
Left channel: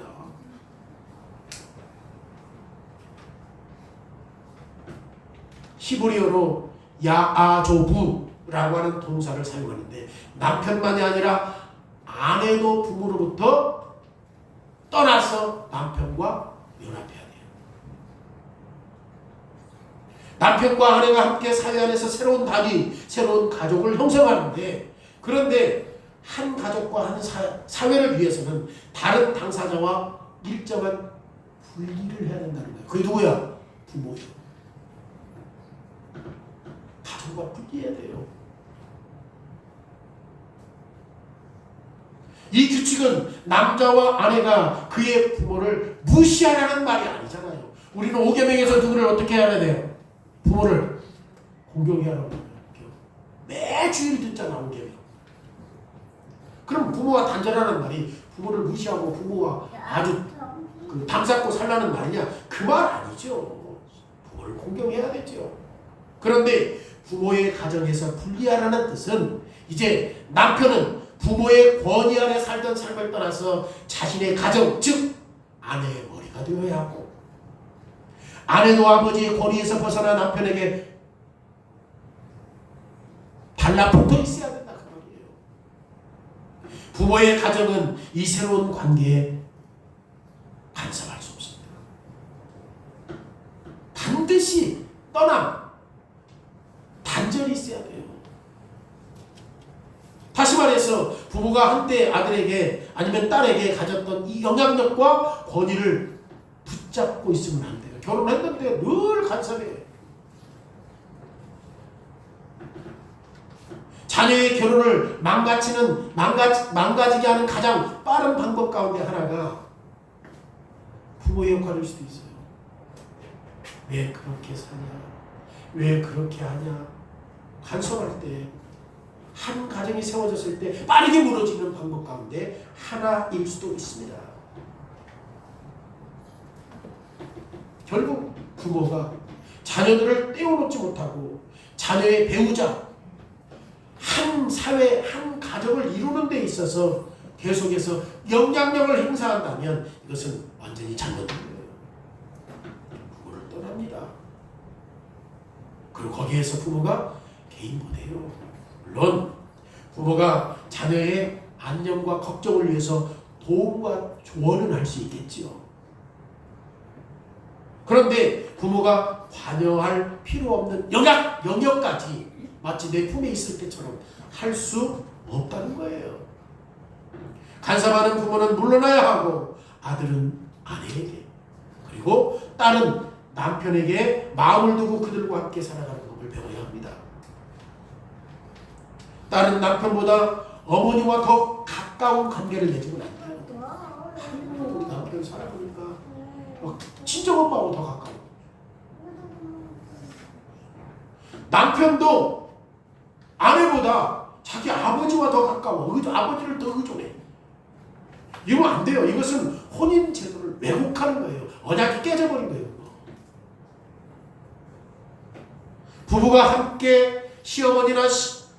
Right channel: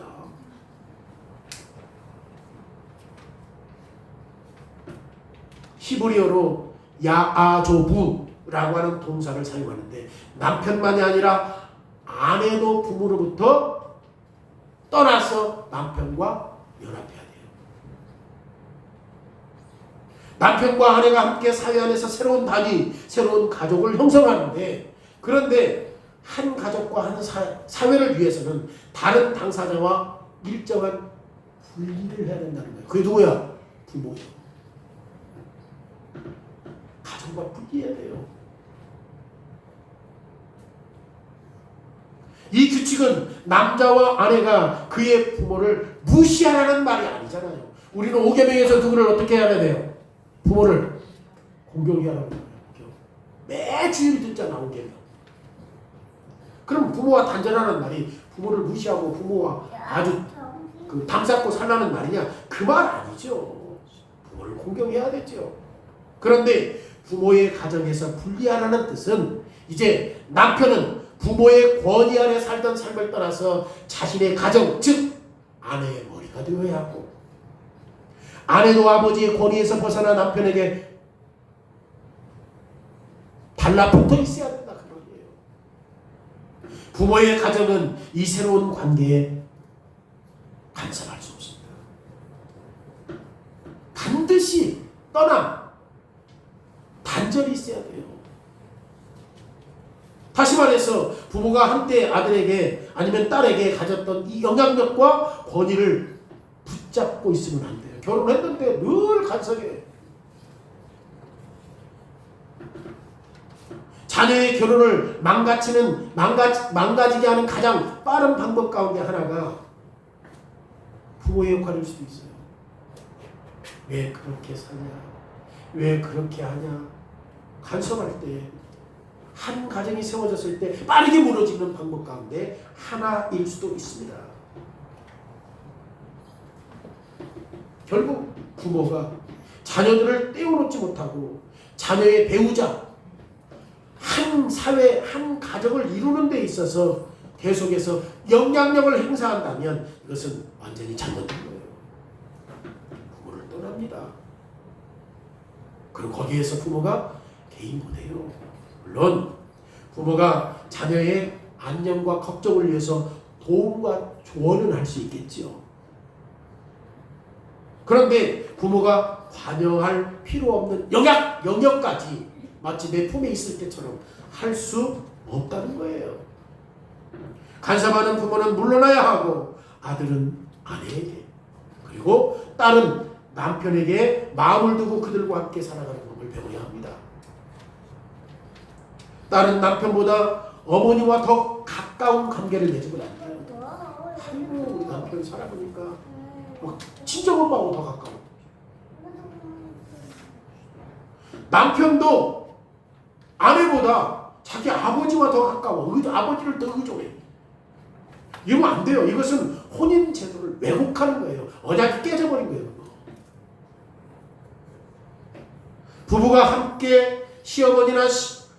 히브리어로 야아조부라고 하는 동사를 사용하는데 남편만이 아니라 아내도 부모로부터 떠나서 남편과 연합해야 돼요. 남편과 아내가 함께 사회 안에서 새로운 단위, 새로운 가족을 형성하는데 그런데 한 가족과 한 사회를 위해서는 다른 당사자와 일정한 분리를 해야 된다는 거예요. 그게 누구야? 부모예요. 가정과 분리해야 돼요. 이 규칙은 남자와 아내가 그의 부모를 무시하라는 말이 아니잖아요. 우리는 5계명에서 누구를 어떻게 해야 돼요? 부모를 공경해야 하는 거예요. 매 주일 듣잖아 5계명. 그럼 부모와 단절하는 말이 부모를 무시하고 부모와 아주 담쌓고 살라는 말이냐? 그 말 아니죠. 부모를 공경해야 되죠. 그런데 부모의 가정에서 분리하라는 뜻은 이제 남편은 부모의 권위 아래 살던 삶을 떠나서 자신의 가정, 즉 아내의 머리가 되어야 하고 아내도 아버지의 권위에서 벗어나 남편에게 달라붙어 있어야 된다 그 말이에요. 부모의 가정은 이 새로운 관계에 간섭할 수 없습니다. 반드시 단절이 있어야 돼요. 다시 말해서 부모가 한때 아들에게 아니면 딸에게 가졌던 이 영향력과 권위를 붙잡고 있으면 안 돼요. 결혼했는데 늘 간섭해. 자녀의 결혼을 망가지게 하는 가장 빠른 방법 가운데 하나가 부모의 역할일 수도 있어요. 왜 그렇게 사냐? 왜 그렇게 하냐? 간섭할 때 한 가정이 세워졌을 때 빠르게 무너지는 방법 가운데 하나일 수도 있습니다. 결국 부모가 자녀들을 떼어놓지 못하고 자녀의 배우자 한 사회 한 가정을 이루는 데 있어서 계속해서 영향력을 행사한다면 이것은 완전히 잘못된 거예요. 부모를 떠납니다. 그리고 거기에서 부모가 개인 못해요. 물론 부모가 자녀의 안녕과 걱정을 위해서 도움과 조언을 할 수 있겠지요. 그런데 부모가 관여할 필요 없는 영역까지 마치 내 품에 있을 때처럼 할 수 없다는 거예요. 간섭하는 부모는 물러나야 하고 아들은 아내에게 그리고 딸은 남편에게 마음을 두고 그들과 함께 살아가는 법을 배워야 합니다. 딸은 남편보다 어머니와 더 가까운 관계를 맺으면 안 돼요. 아이고 우리 남편 살아보니까 막 친정엄마하고 더 가까워. 남편도 아내보다 자기 아버지와 더 가까워. 아버지를 더 의존해. 이러면 안 돼요. 이것은 혼인 제도를 왜곡하는 거예요. 언약이 깨져버린 거예요. 부부가 함께 시어머니나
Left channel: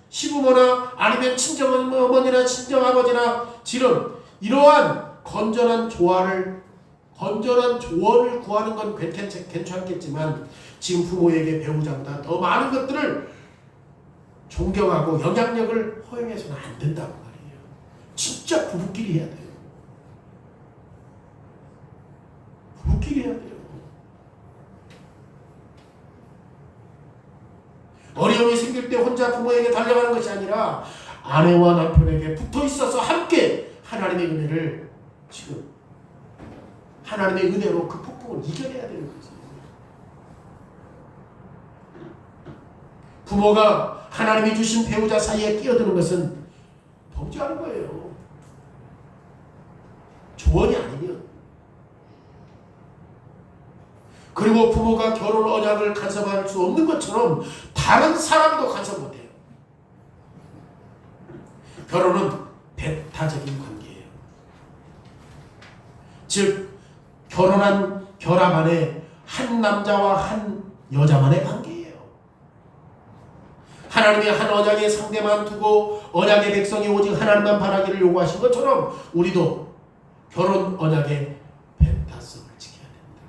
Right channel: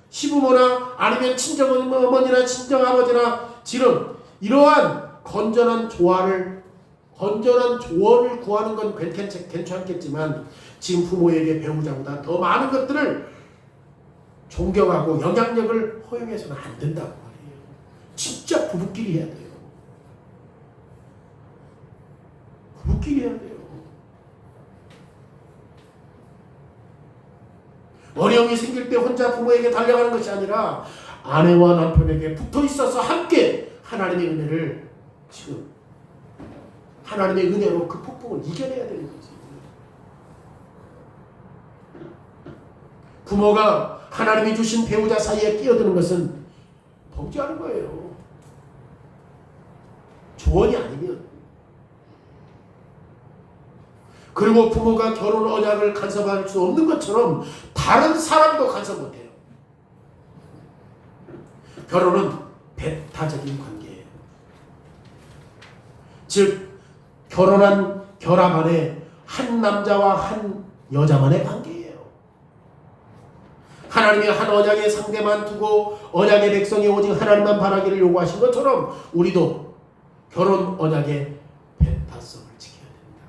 시부모나 아니면 친정어머니나 친정아버지나 지금 이러한 건전한 조언을 구하는 건 괜찮겠지만 지금 부모에게 배우자보다 더 많은 것들을 존경하고 영향력을 허용해서는 안 된다고 말이에요. 진짜 부부끼리 해야 돼요. 부부끼리 해야 돼요. 어려움이 생길 때 혼자 부모에게 달려가는 것이 아니라 아내와 남편에게 붙어 있어서 함께 하나님의 은혜를 지금 하나님의 은혜로 그 폭풍을 이겨내야 되는 거지. 부모가 하나님이 주신 배우자 사이에 끼어드는 것은 범죄하는 거예요. 조언이 아니면. 그리고 부모가 결혼 언약을 간섭할 수 없는 것처럼 다른 사람도 간섭 못해요. 결혼은 배타적인 관계예요. 즉 결혼한 결합 안에 한 남자와 한 여자만의 관계예요. 하나님이 한 언약의 상대만 두고 언약의 백성이 오직 하나님만 바라기를 요구하신 것처럼 우리도 결혼 언약의 배타성을 지켜야 됩니다.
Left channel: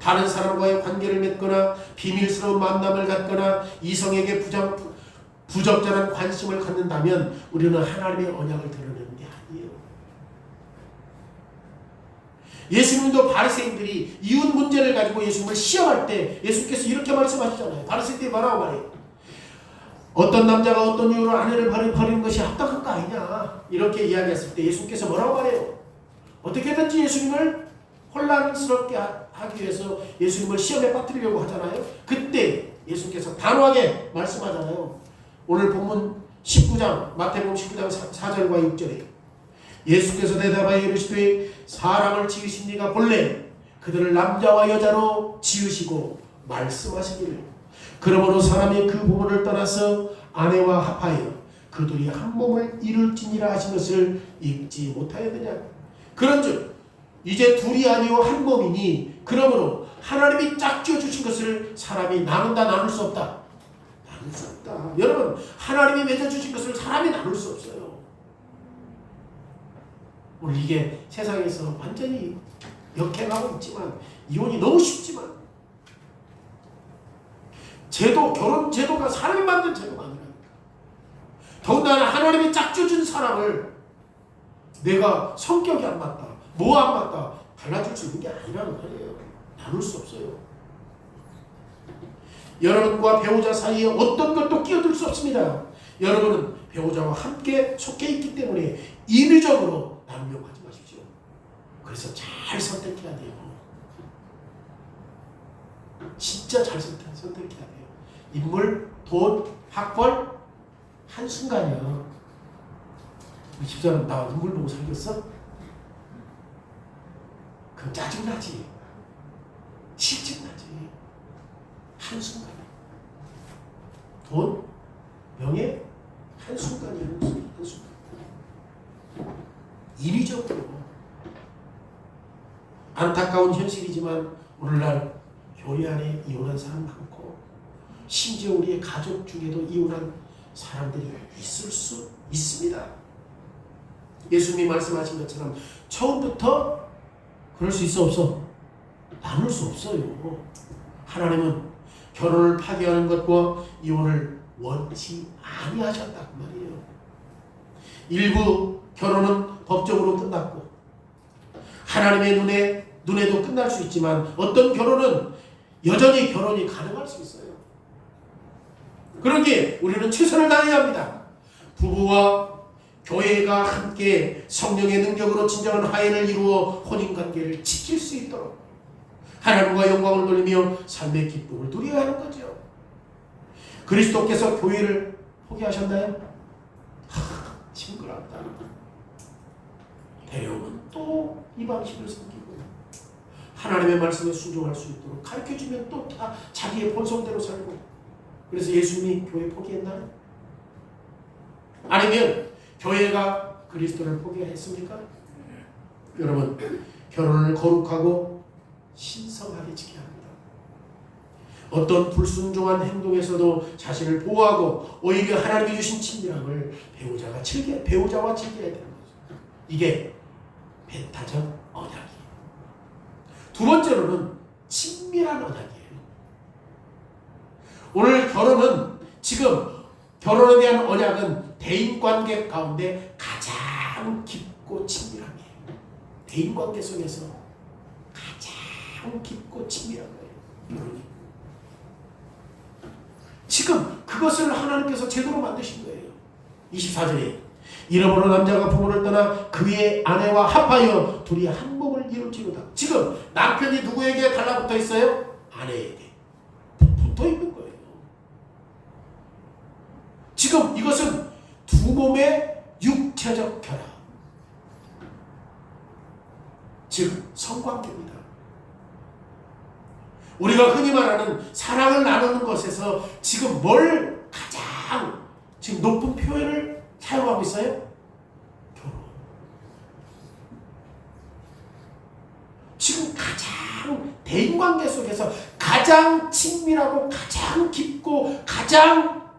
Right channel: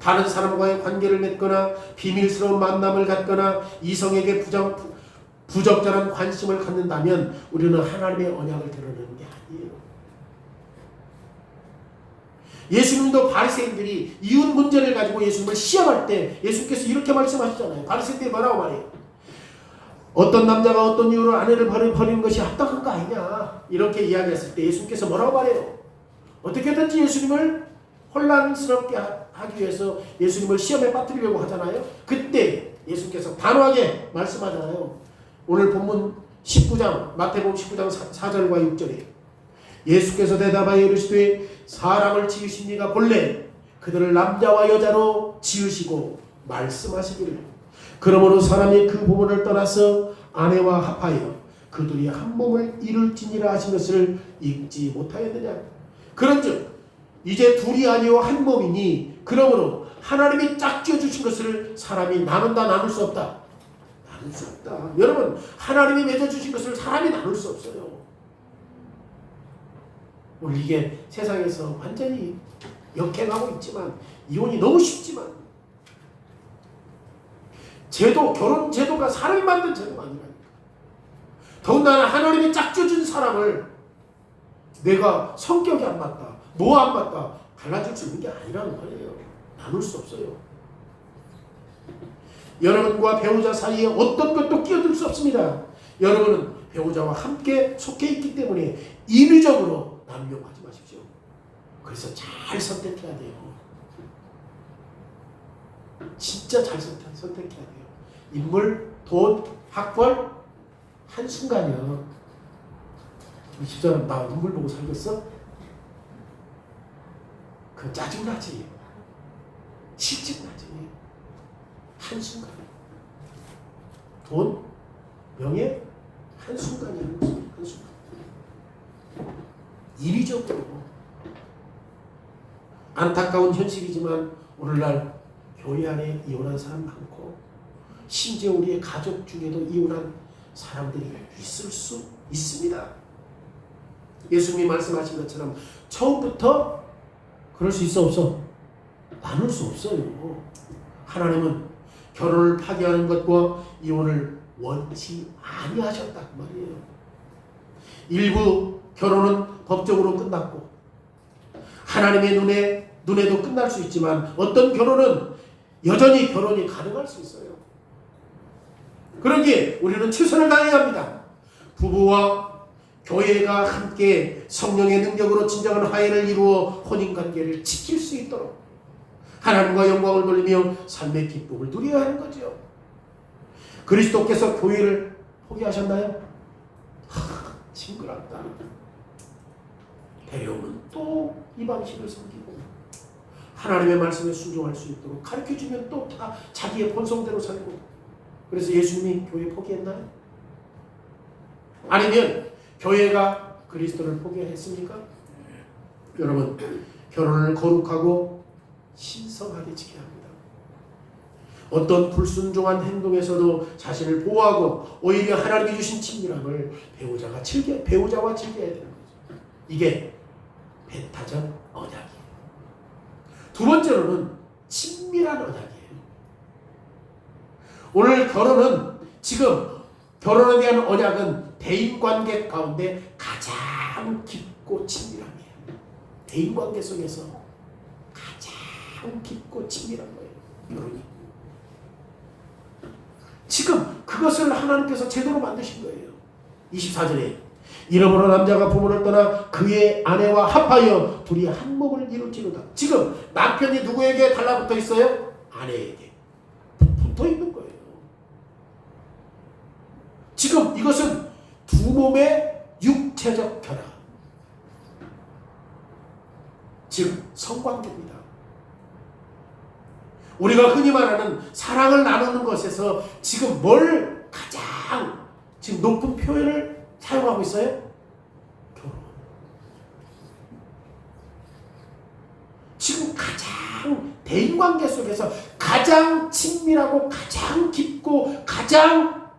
다른 사람과의 관계를 맺거나 비밀스러운 만남을 갖거나 이성에게 부적절한 관심을 갖는다면 우리는 하나님의 언약을 드러내는 게 아니에요. 예수님도 바리새인들이 이웃 문제를 가지고 예수님을 시험할 때 예수께서 이렇게 말씀하시잖아요. 바리새인들이 뭐라고 말해요? 어떤 남자가 어떤 이유로 아내를 버리는 것이 합당한 거 아니냐 이렇게 이야기했을 때 예수님께서 뭐라고 말해요? 어떻게든지 예수님을 혼란스럽게 하기 위해서 예수님을 시험에 빠뜨리려고 하잖아요. 그때 예수님께서 단호하게 말씀하잖아요. 오늘 본문 19장 마태복음 19장 4절과 6절에 예수께서 대답하여 이르시되 사람을 지으십니까 본래 그들을 남자와 여자로 지으시고 말씀하시기를 그러므로 사람이 그 부모를 떠나서 아내와 합하여 그들이 한 몸을 이룰지니라 하신 것을 읽지 못하였느냐. 그런즉 이제 둘이 아니요 한 몸이니 그러므로 하나님이 짝지어 주신 것을 사람이 나눌 수 없다. 나눌 수 없다. 여러분 하나님이 맺어 주신 것을 사람이 나눌 수 없어요. 오늘 이게 세상에서 완전히 역행하고 있지만 이혼이 너무 쉽지만 결혼 제도가 사람이 만든 제도가 아니라니까. 더군다나 하나님이 짝져준 사람을 내가 성격이 안 맞다, 뭐 안 맞다 갈라줄 수 있는 게 아니라는 거예요. 나눌 수 없어요. 여러분과 배우자 사이에 어떤 것도 끼어들 수 없습니다. 여러분은 배우자와 함께 속해 있기 때문에 인위적으로 남용하지 마십시오. 그래서 잘 선택해야 돼요. 진짜 잘 선택해야 돼요. 인물, 돈, 학벌 한순간이요. 이 집사람 나 인물 보고 살겠어? 그럼 짜증나지. 실증나지. 한순간. 돈, 명예 한순간이야. 한순간. 인위적으로. 안타까운 현실이지만 오늘날 교회 안에 이혼한 사람 많고 심지어 우리의 가족 중에도 이혼한 사람들이 있을 수 있습니다. 예수님이 말씀하신 것처럼 처음부터 그럴 수 있어 없어? 나눌 수 없어요. 하나님은 결혼을 파기하는 것과 이혼을 원치 아니하셨단 말이에요. 일부 결혼은 법적으로 끝났고 하나님의 눈에도 끝날 수 있지만 어떤 결혼은 여전히 결혼이 가능할 수 있어요. 그러기에 우리는 최선을 다해야 합니다. 부부와 교회가 함께 성령의 능력으로 진정한 화해를 이루어 혼인관계를 지킬 수 있도록 하나님과 영광을 돌리며 삶의 기쁨을 누려야 하는 거죠. 그리스도께서 교회를 포기하셨나요? 징그럽다. 데려오면 또 이방식을 섬기고 하나님의 말씀에 순종할 수 있도록 가르쳐주면 또 다 자기의 본성대로 살고. 그래서 예수님이 교회 포기했나요? 아니면 교회가 그리스도를 포기했습니까? 여러분 결혼을 거룩하고 신성하게 지켜야 합니다. 어떤 불순종한 행동에서도 자신을 보호하고 오히려 하나님이 주신 친밀함을 배우자와 즐겨야 되는 거죠. 이게 배타적 언약이에요. 두 번째로는 친밀한 언약이에요. 오늘 결혼은 지금 결혼에 대한 언약은 대인관계 가운데 가장 깊고 친밀함이에요. 대인관계 속에서 가장 깊고 친밀한 거예요. 그러니 지금 그것을 하나님께서 제대로 만드신 거예요. 24절에 이러므로 남자가 부모를 떠나 그의 아내와 합하여 둘이 한 몸을 이룰지로다. 지금 남편이 누구에게 달라붙어 있어요? 아내에게 붙어 있는 거예요. 지금 이것은 두 몸의 육체적 결합, 즉 성관계입니다. 우리가 흔히 말하는 사랑을 나누는 것에서 지금 뭘 가장 지금 높은 표현을 사용하고 있어요? 결혼. 지금 가장 대인관계 속에서 가장 친밀하고 가장 깊고 가장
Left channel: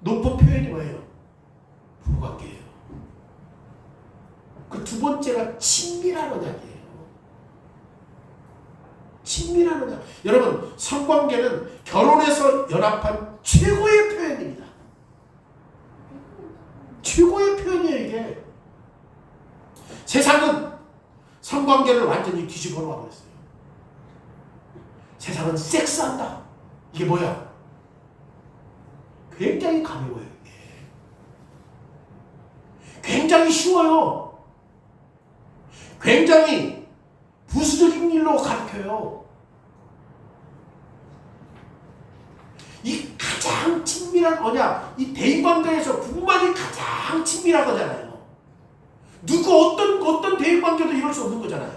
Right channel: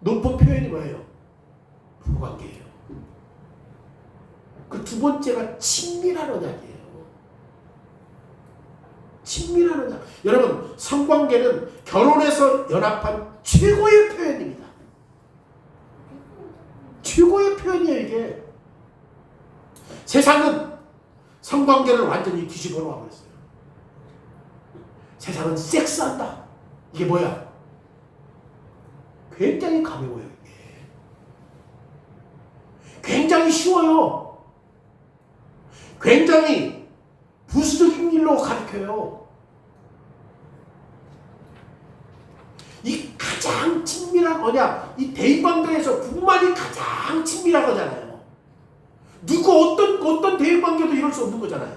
높은 표현이 뭐예요? 부부관계예요. 그 두 번째가 친밀한 언약이에요. 친밀한 언약. 여러분, 성관계는 결혼해서 연합한 최고의 표현입니다. 최고의 표현이에요, 이게. 세상은 성관계를 완전히 뒤집어 놓아버렸어요. 세상은 섹스한다. 이게 뭐야? 굉장히 가벼워요, 이게. 굉장히 쉬워요. 굉장히 부수적인 일로 가르쳐요. 이 가장 친밀한 언약, 이 대인관계에서 부부만이 가장 친밀한 거잖아요. 누구 어떤 대인관계도 이룰 수 없는 거잖아요.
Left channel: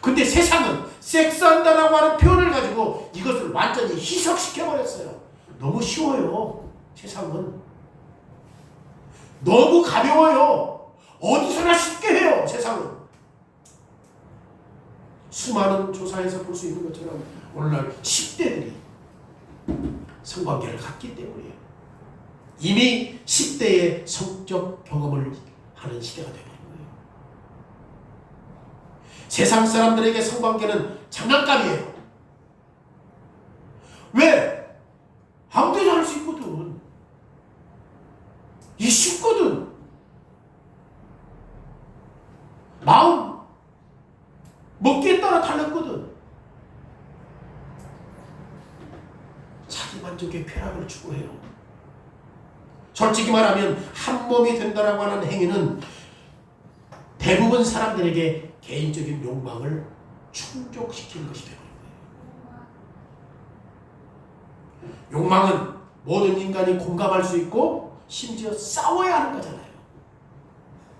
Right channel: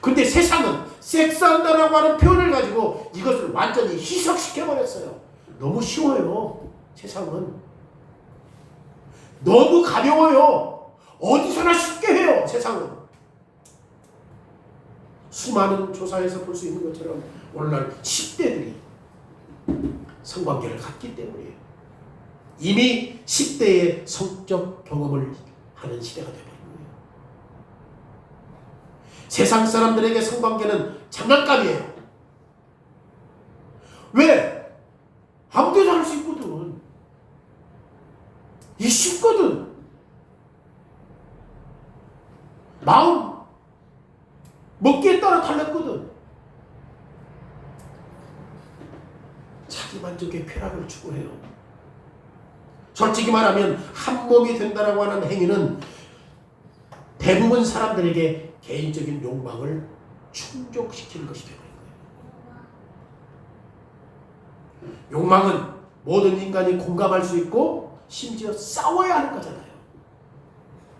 근데 세상은 섹스한다라고 하는 표현을 가지고 이것을 완전히 희석시켜버렸어요. 너무 쉬워요. 세상은. 너무 가벼워요. 어디서나 쉽게 해요. 세상은. 수많은 조사에서 볼 수 있는 것처럼 오늘날 10대들이 성관계를 갖기 때문이에요. 이미 10대의 성적 경험을 하는 시대가 되어버린 거예요. 세상 사람들에게 성관계는 장난감이에요. 왜? 아무데나 할 수 있거든. 이 쉽거든. 마음 먹기에 따라 달랐거든. 자기 만족의 쾌락을 추구해요. 솔직히 말하면 한 몸이 된다라고 하는 행위는 대부분 사람들에게 개인적인 욕망을 충족시키는 것이 되는 거예요. 욕망은 모든 인간이 공감할 수 있고 심지어 싸워야 하는 거잖아요.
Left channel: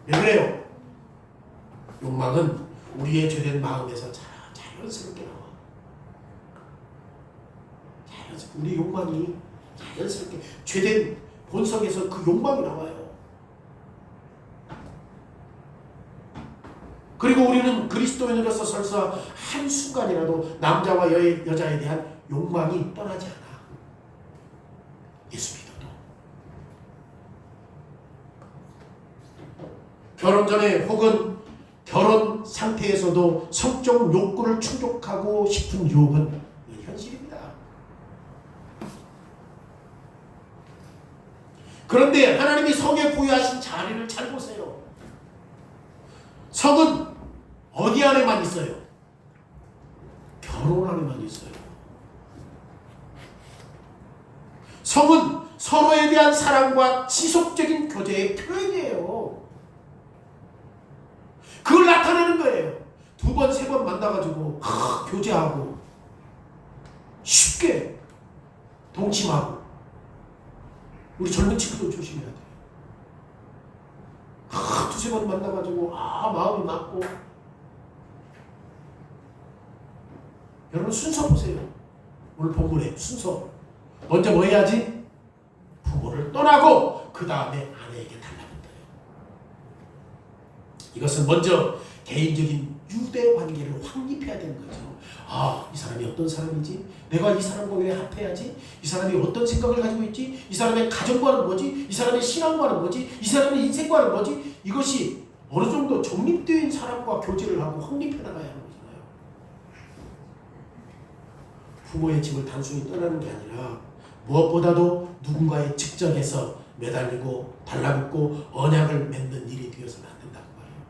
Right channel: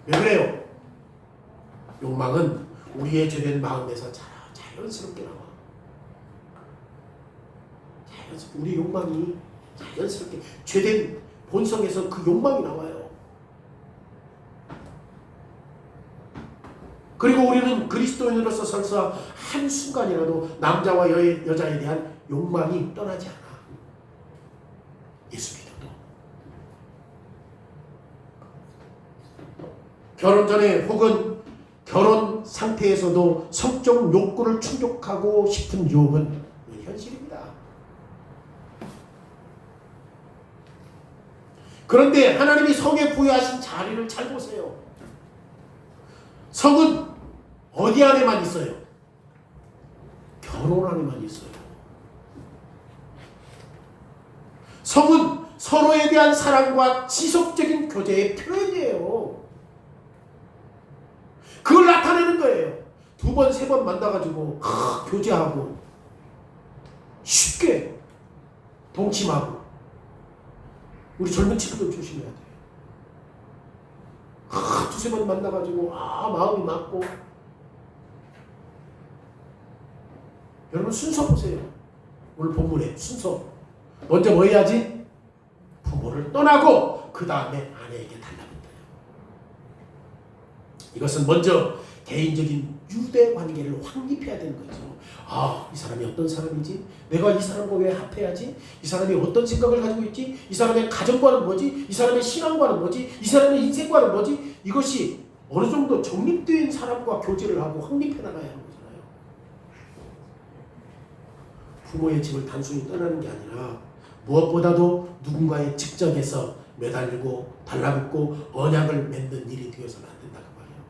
왜 그래요? 욕망은 우리의 죄된 마음에서 자연스럽게 나와. 우리 욕망이 자연스럽게 죄된 본성에서 그 욕망이 나와요. 그리고 우리는 그리스도인으로서 설사 한순간이라도 남자와 여자에 대한 욕망이 떠나지 않아. 예수 믿어도. 결혼 전에 혹은 결혼 상태에서도 성적 욕구를 충족하고 싶은 유혹은 현실입니다. 그런데 하나님이 성에 부여하신 자리를 잘 보세요. 성은 어디 안에만 있어요? 결혼 안에만 있어요. 성은 서로에 대한 사랑과 지속적인 교제의 표현이에요. 그걸 나타내는 거예요. 두 번, 세 번 만나가지고 교제하고 쉽게 동침하고. 우리 젊은 친구들 조심해야 돼요. 두세 번 만나가지고 마음이 맞고. 여러분 순서 보세요. 오늘 본문에 순서. 먼저 뭐 해야지? 부모를 떠나고 그 다음에 아내에게 달라붙어요. 이것은 먼저 개인적인 유대 관계를 확립해야 되는 거죠. 아, 이 사람이 어떤 사람이지? 내가 이 사람과 왜 합해야지? 이 사람이 어떤 생각을 가지고 있지? 이 사람의 가정관은 뭐지? 이 사람의 신앙관은 뭐지? 이 사람의 인생관은 뭐지? 이것이 어느 정도 정립된 사람과 교제를 하고 확립해 나가야 하는 거잖아요. 부모의 집을 단순히 떠나는 게 아니라 무엇보다도 누군가의 직접에서 매달리고 달라붙고 언약을 맺는 일이 되어서는 안 된다고 말해요.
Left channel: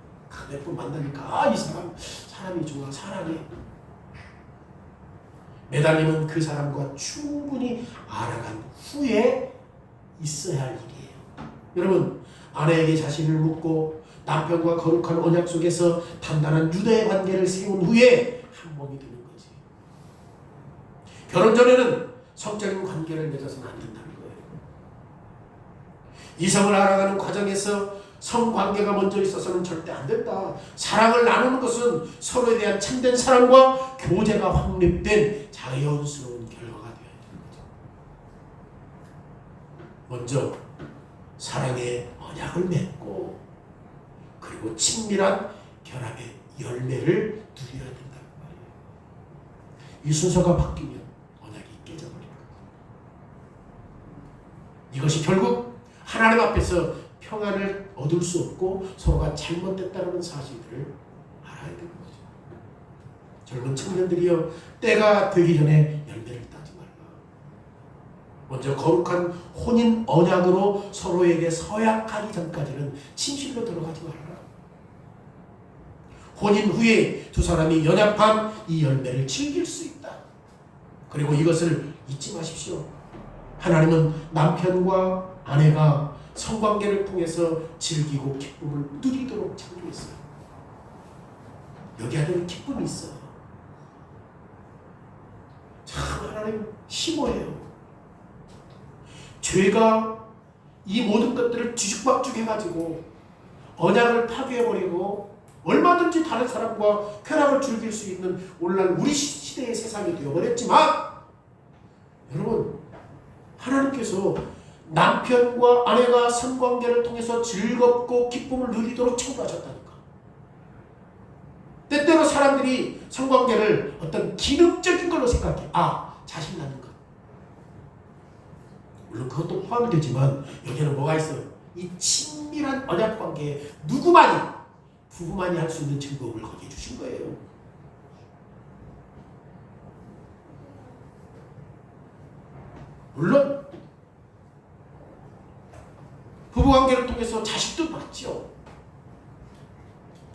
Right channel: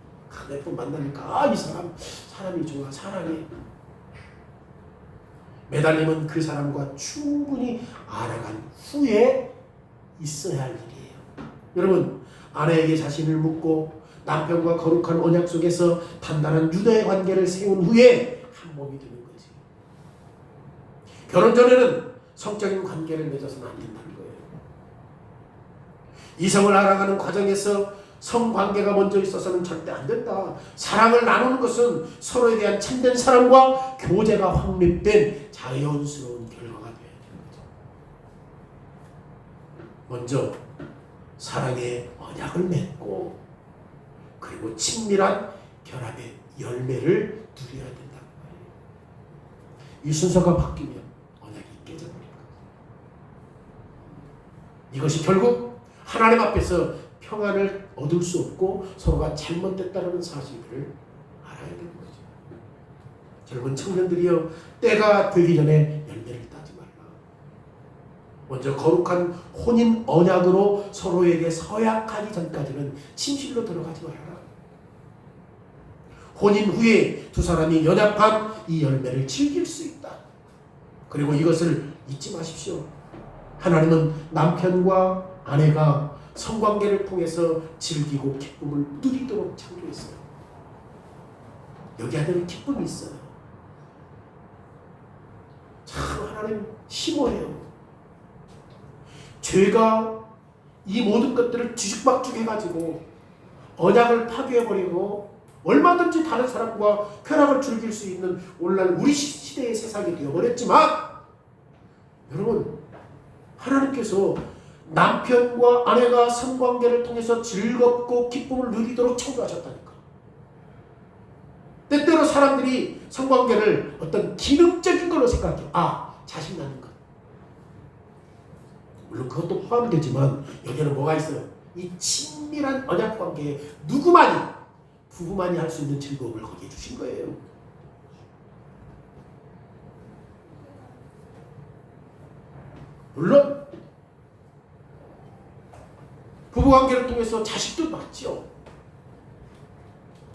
몇 번 만나니까 이 사람이 좋아, 사랑해. 매달리면 그 사람과 충분히 알아간 후에 있어야 할 일이에요. 여러분, 아내에게 자신을 묻고 남편과 거룩한 언약 속에서 단단한 유대 관계를 세운 후에 한 몸이 되는 거지. 결혼 전에는 성적인 관계를 맺어서는 안 된다는 거예요. 이성을 알아가는 과정에서 성관계가 먼저 있어서는 절대 안 된다. 사랑을 나누는 것은 서로에 대한 참된 사랑과 교제가 확립된 자연스러운 결과가 되어야 되는 거죠. 먼저 사랑의 언약을 맺고 그리고 친밀한 결합의 열매를 누려야 된다고 말이에요. 이 순서가 바뀌면 언약이 깨져버릴 거예요. 이것이 결국 하나님 앞에서 평안을 얻을 수 없고 서로가 잘못됐다는 사실을 알아야 되는 거죠. 젊은 청년들이여, 때가 되기 전에 열매를 따지 말라. 먼저 거룩한 혼인 언약으로 서로에게 서약하기 전까지는 침실로 들어가지 말라. 혼인 후에 두 사람이 연합한 이 열매를 즐길 수 있다. 그리고 이것을 잊지 마십시오. 하나님은 남편과 아내가 성관계를 통해서 즐기고 기쁨을 누리도록 창조했어요. 여기 안에는 기쁨이 있어요. 참 하나님 심오해요. 죄가 이 모든 것들을 뒤죽박죽 해가지고 언약을 파괴해버리고 얼마든지 다른 사람과 쾌락을 즐길 수 있는 오늘날 우리 시대의 세상이 되어버렸지만, 여러분, 하나님께서 남편과 아내가 성관계를 통해서 즐겁고 기쁨을 누리도록 창조하셨다니까. 때때로 사람들이 성관계를 어떤 기능적인 걸로 생각해. 자식 낳는 것. 물론 그것도 포함되지만 여기에는 뭐가 있어요? 이 친밀한 언약관계에 누구만이, 부부만이 할 수 있는 즐거움을 거기에 주신 거예요. 물론 부부관계를 통해서 자식도 낳죠.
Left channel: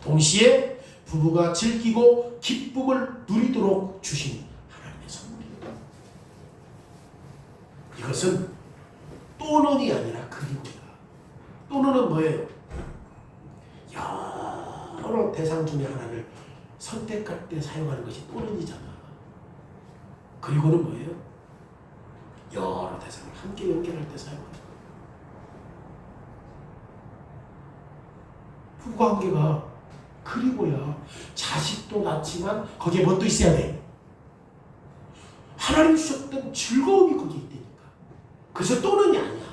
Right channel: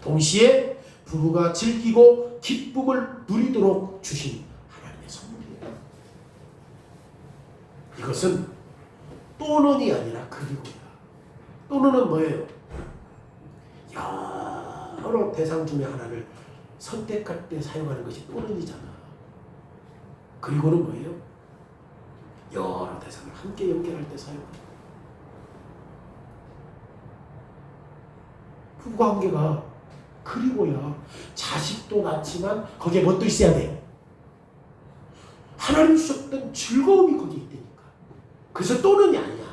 동시에 부부가 즐기고 기쁨을 누리도록 주신 하나님의 선물이에요. 이것은 또는이 아니라 그리고야. 또는은 뭐예요? 여러 대상 중에 하나를 선택할 때 사용하는 것이 또는이잖아. 그리고는 뭐예요? 여러 대상을 함께 연결할 때 사용하는 거예요. 부부관계가 그리고야 자식도 낳지만 거기에 뭣도 있어야 돼? 하나님 주셨던 즐거움이 거기에 있다니까. 그래서 또는이 아니야.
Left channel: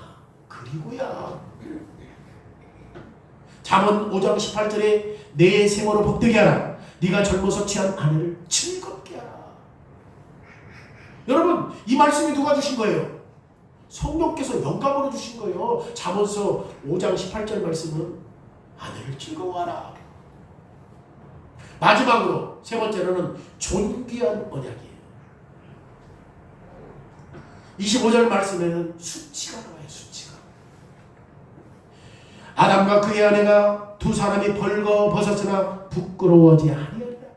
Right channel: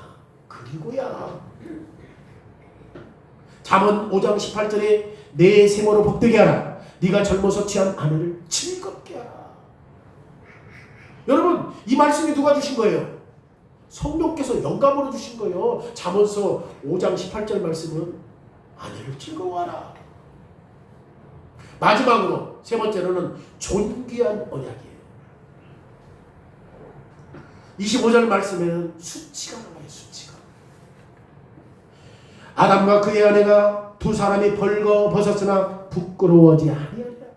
그리고야. 잠언 5장 18절에 내 생으로 복되게 하라. 네가 젊어서 취한 아내를 즐겁게 하라. 여러분, 이 말씀이 누가 주신 거예요? 성령께서 영감으로 주신 거예요. 잠언서 5장 18절 말씀은 아내를 즐거워하라. 마지막으로 세 번째로는 존귀한 언약이에요. 25절 말씀에는 수치가 나와요. 수치가. 아담과 그의 아내가 두 사람이 벌거벗었으나 부끄러워하지 아니하리라.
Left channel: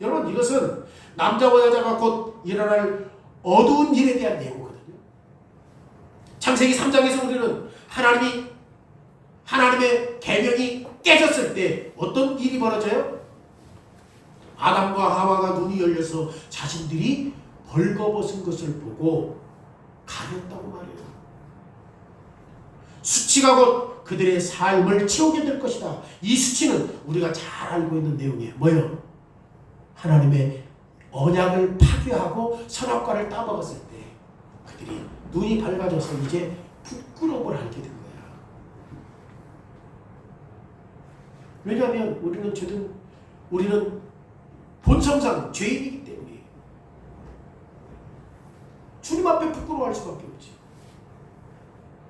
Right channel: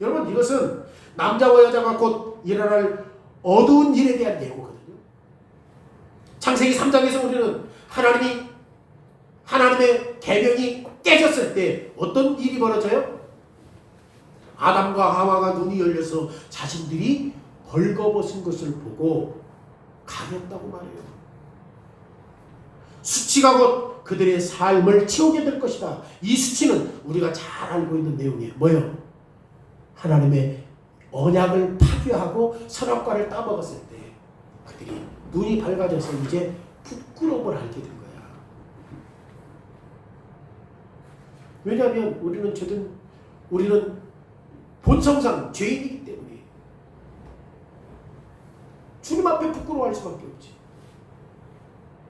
여러분, 이것은 남자와 여자가 곧 일어날 어두운 일에 대한 예고거든요. 창세기 3장에서 우리는 하나님의 계명이 깨졌을 때 어떤 일이 벌어져요? 아담과 하와가 눈이 열려서 자신들이 벌거벗은 것을 보고 가렸다고 말해요. 수치가 곧 그들의 삶을 채우게 될 것이다. 이 수치는 우리가 잘 알고 있는 내용이에요. 뭐예요? 하나님의 언약을 파괴하고 선악과를 따먹었을 때 그들이 눈이 밝아져서 이제 부끄러움을 알게 된 거야. 왜냐하면 우리는 본성상 죄인이기 때문에 주님 앞에 부끄러워할 수밖에 없지.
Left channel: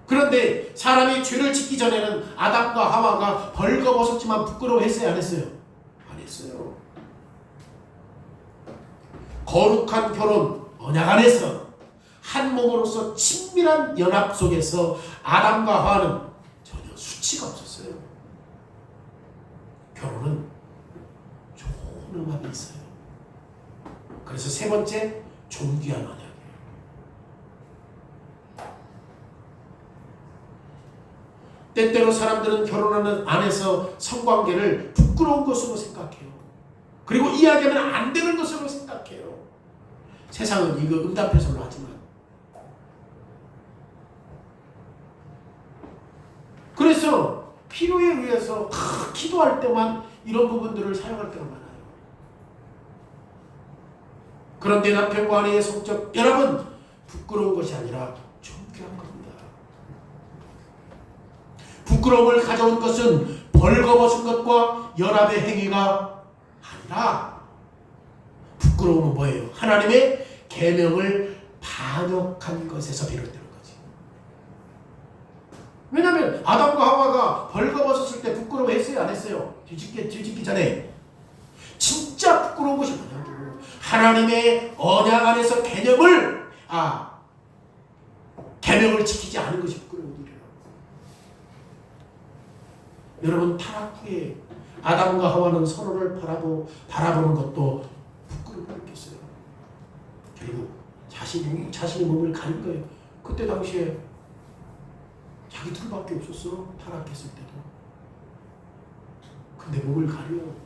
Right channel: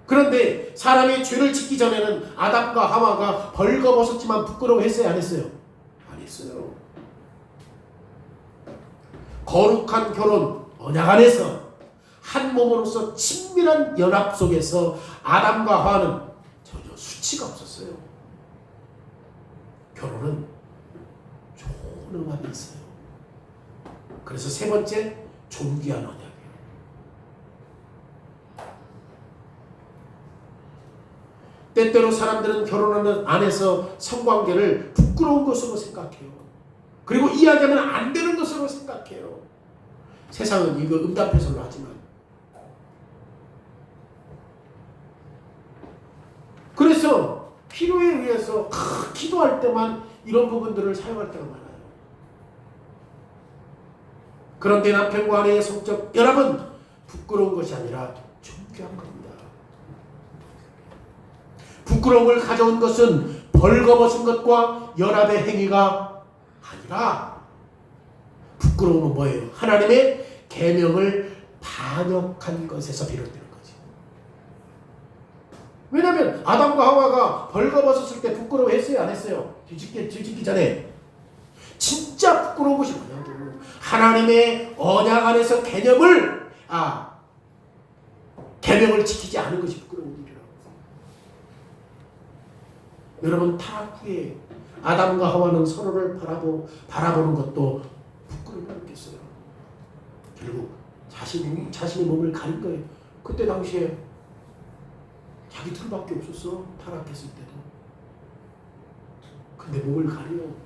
그런데 사람이 죄를 짓기 전에는 아담과 하와가 벌거벗었지만 부끄러워했어요, 안 했어요? 안 했어요. 거룩한 결혼 언약 안에서 한 몸으로서 친밀한 연합 속에서 아담과 하와는 전혀 수치가 없었어요. 결혼은 좋은 음악이 있어요. 그래서 세 번째, 존귀한 언약이에요. 때때로 사람들은 결혼하는 안에서 성관계를 부끄러운 것으로 생각해요. 그리고 이야기하면 안 되는 것으로 생각해요. 세상은 이거 응답해서는 하지만. 그래서 필요에 의해서 기도할 때만 이런 부분들을 사용할 때가 많아요. 그런데 남편과 아내의 성적 연합은 부끄러운 것이 아니라 존귀한 겁니다. 부끄러움을 가져온 것은 벌거벗은 것과 연합의 행위가 아니라, 부끄러움은 뭐예요? 하나님의 계명을 반역한 것에서 비롯되는 거지. 왜냐하면 아담과 하와가 벌거벗었을 때 부끄러워했어요, 안 했어요? 뒤집기 전에. 진짜 부끄러운 것이 뭐냐고. 하나님의 언약 안에서 계명을 지키지 않은 것이 부끄러운 일이라고. 여러분, 타락 후에 아담과 하와는 서로를 바라보는 것도 부끄럽게 느꼈어요. 결국 자신이 몸을 가린 거예요. 그때 당시에 자기 둘밖에 없었어, 타락했을 때도. 근데 몸을 가려.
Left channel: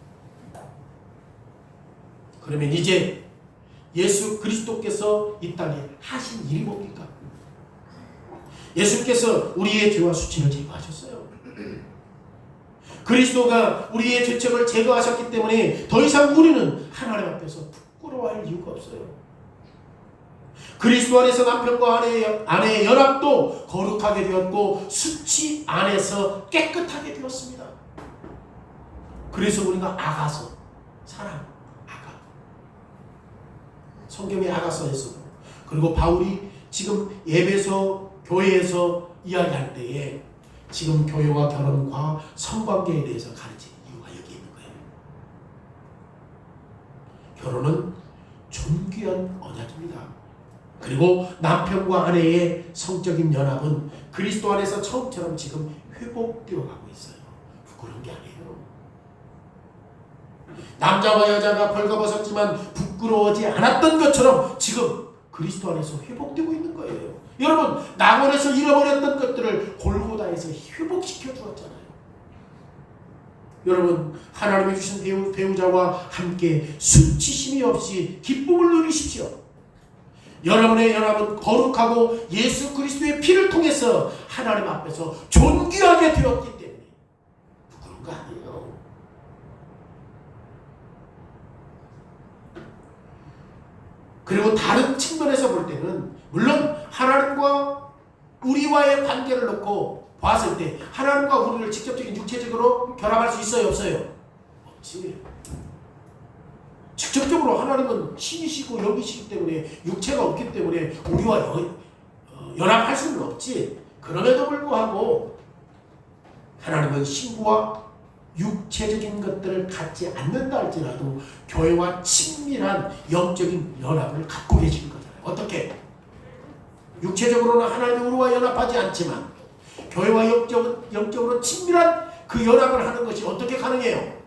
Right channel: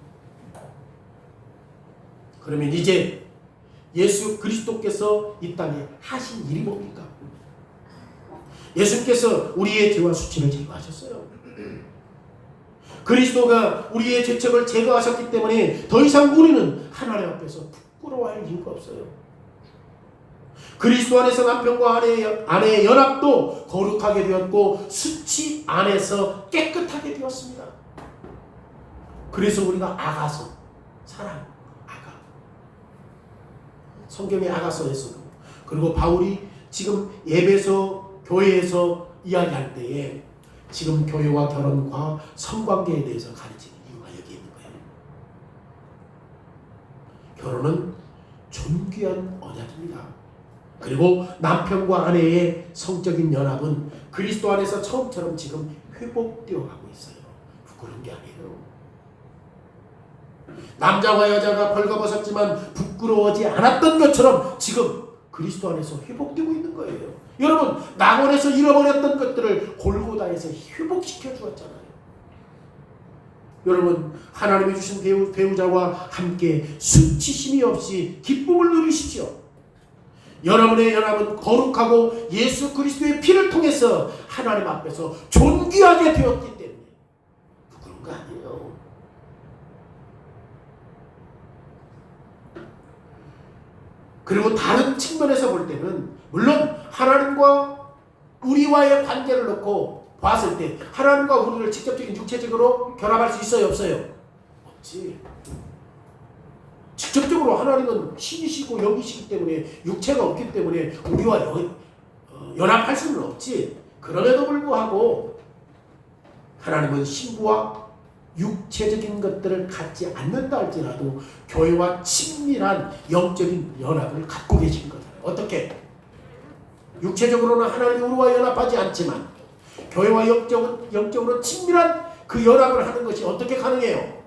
그러면 이제 예수 그리스도께서 이 땅에 하신 일이 뭡니까? 예수께서 우리의 죄와 수치를 제거하셨어요. 그리스도가 우리의 죄책을 제거하셨기 때문에 더 이상 우리는 하나님 앞에서 부끄러워할 이유가 없어요. 그리스도 안에서 남편과 아내의 연합도 거룩하게 되었고 수치 안에서 깨끗하게 되었습니다. 그래서 우리가 아가서, 사랑, 아가. 성경의 아가서에서, 그리고 바울이 지금 에베소 교회에서 이야기할 때에 지금 교회와 결혼과 성관계에 대해서 가르치는 이유가 여기 있는 거예요. 결혼은 존귀한 언약입니다. 그리고 남편과 아내의 성적인 연합은 그리스도 안에서 처음처럼 지금 회복되어 가고 있어요. 부끄러운 게 아니에요. 남자와 여자가 벌거벗었지만 부끄러워하지 않았던 것처럼 지금 그리스도 안에서 회복되고 있는 거예요. 여러분, 낙원에서 잃어버렸던 것들을 골고다에서 회복시켜 주었잖아요. 여러분, 하나님이 주신 배우자와 함께 수치심이 없이 기쁨을 누리십시오. 여러분의 연합은 거룩하고 예수 그리스도의 피를 통해서 하나님 앞에서 존귀하게 되었기 때문에 부끄러운 거 아니에요. 그리고 다른 측면에서 볼 때는, 물론 하나님과 우리와의 관계를 놓고 봤을 때 하나님과 우리를 직접적인 육체적으로 결합할 수 있어요, 없어요? 없지. 직접적으로 하나님은 신이시고 영이시기 때문에 육체가 없기 때문에 우리와 연합할 수는 없지. 그럼에도 불구하고 하나님은 신부와 육체적인 것들을 갖지 않는다 할지라도 교회와 친밀한 영적인 연합을 갖고 계신 거잖아요. 어떻게? 육체적으로는 하나님이 우리와 연합하지 않지만 교회와 영적으로 친밀한 그 연합을 하는 것이 어떻게 가능해요?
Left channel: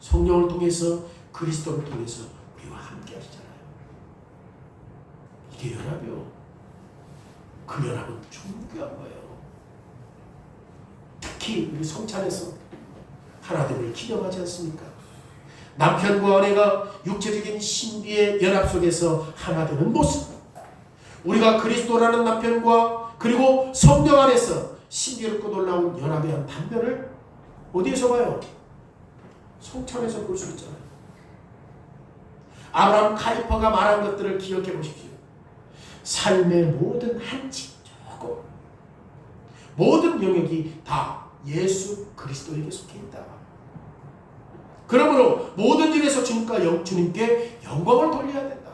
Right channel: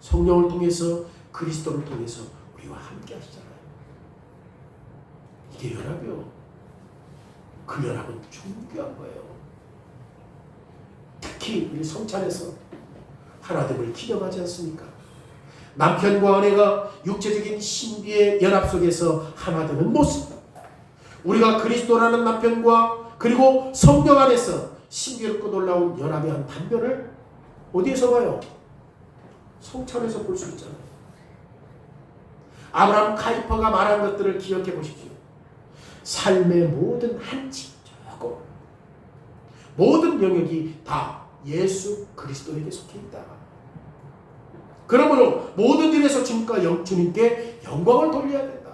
성령을 통해서, 그리스도를 통해서 우리와 함께 하시잖아요. 이게 연합이요. 그 연합은 존귀한 거예요. 특히 우리 성찬에서 하나됨을 기념하지 않습니까? 남편과 아내가 육체적인 신비의 연합 속에서 하나되는 모습, 우리가 그리스도라는 남편과 그리고 성령 안에서 신비롭고 놀라운 연합의 한 단면을 어디에서 봐요? 성찬에서 볼 수 있잖아요. 아브라함 카이퍼가 말한 것들을 기억해 보십시오. 삶의 모든 한치, 조금, 모든 영역이 다 예수 그리스도에게 속해 있다. 그러므로 모든 일에서 주님께 영광을 돌려야 된다.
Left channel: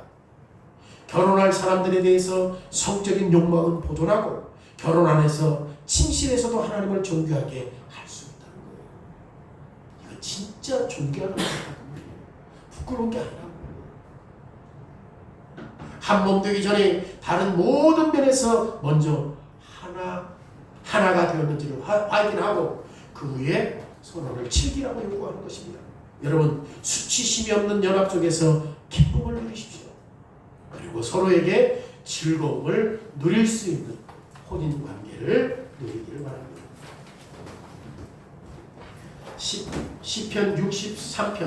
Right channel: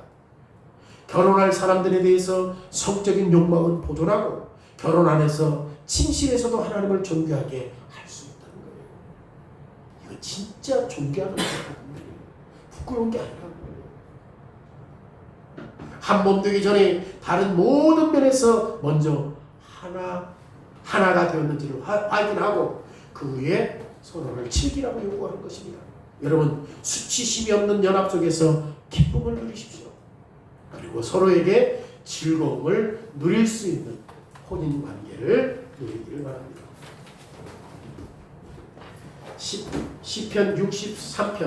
결혼할 사람들에 대해서 성적인 욕망은 보존하고 결혼 안에서 침실에서도 하나님을 존귀하게 할 수 있다는 거예요. 이거 진짜 존귀하는 거예요. 부끄러운 게 아니라 한 몸 되기 전에 다른 모든 면에서 먼저 하나가 되었는지를 확인하고 그 후에 서로를 즐기라고 요구하는 것입니다. 여러분, 수치심이 없는 연합 속에서 기쁨을 누리십시오. 그리고 서로에게 즐거움을 누릴 수 있는 혼인 관계를 누리기를 바랍니다. 시편 63편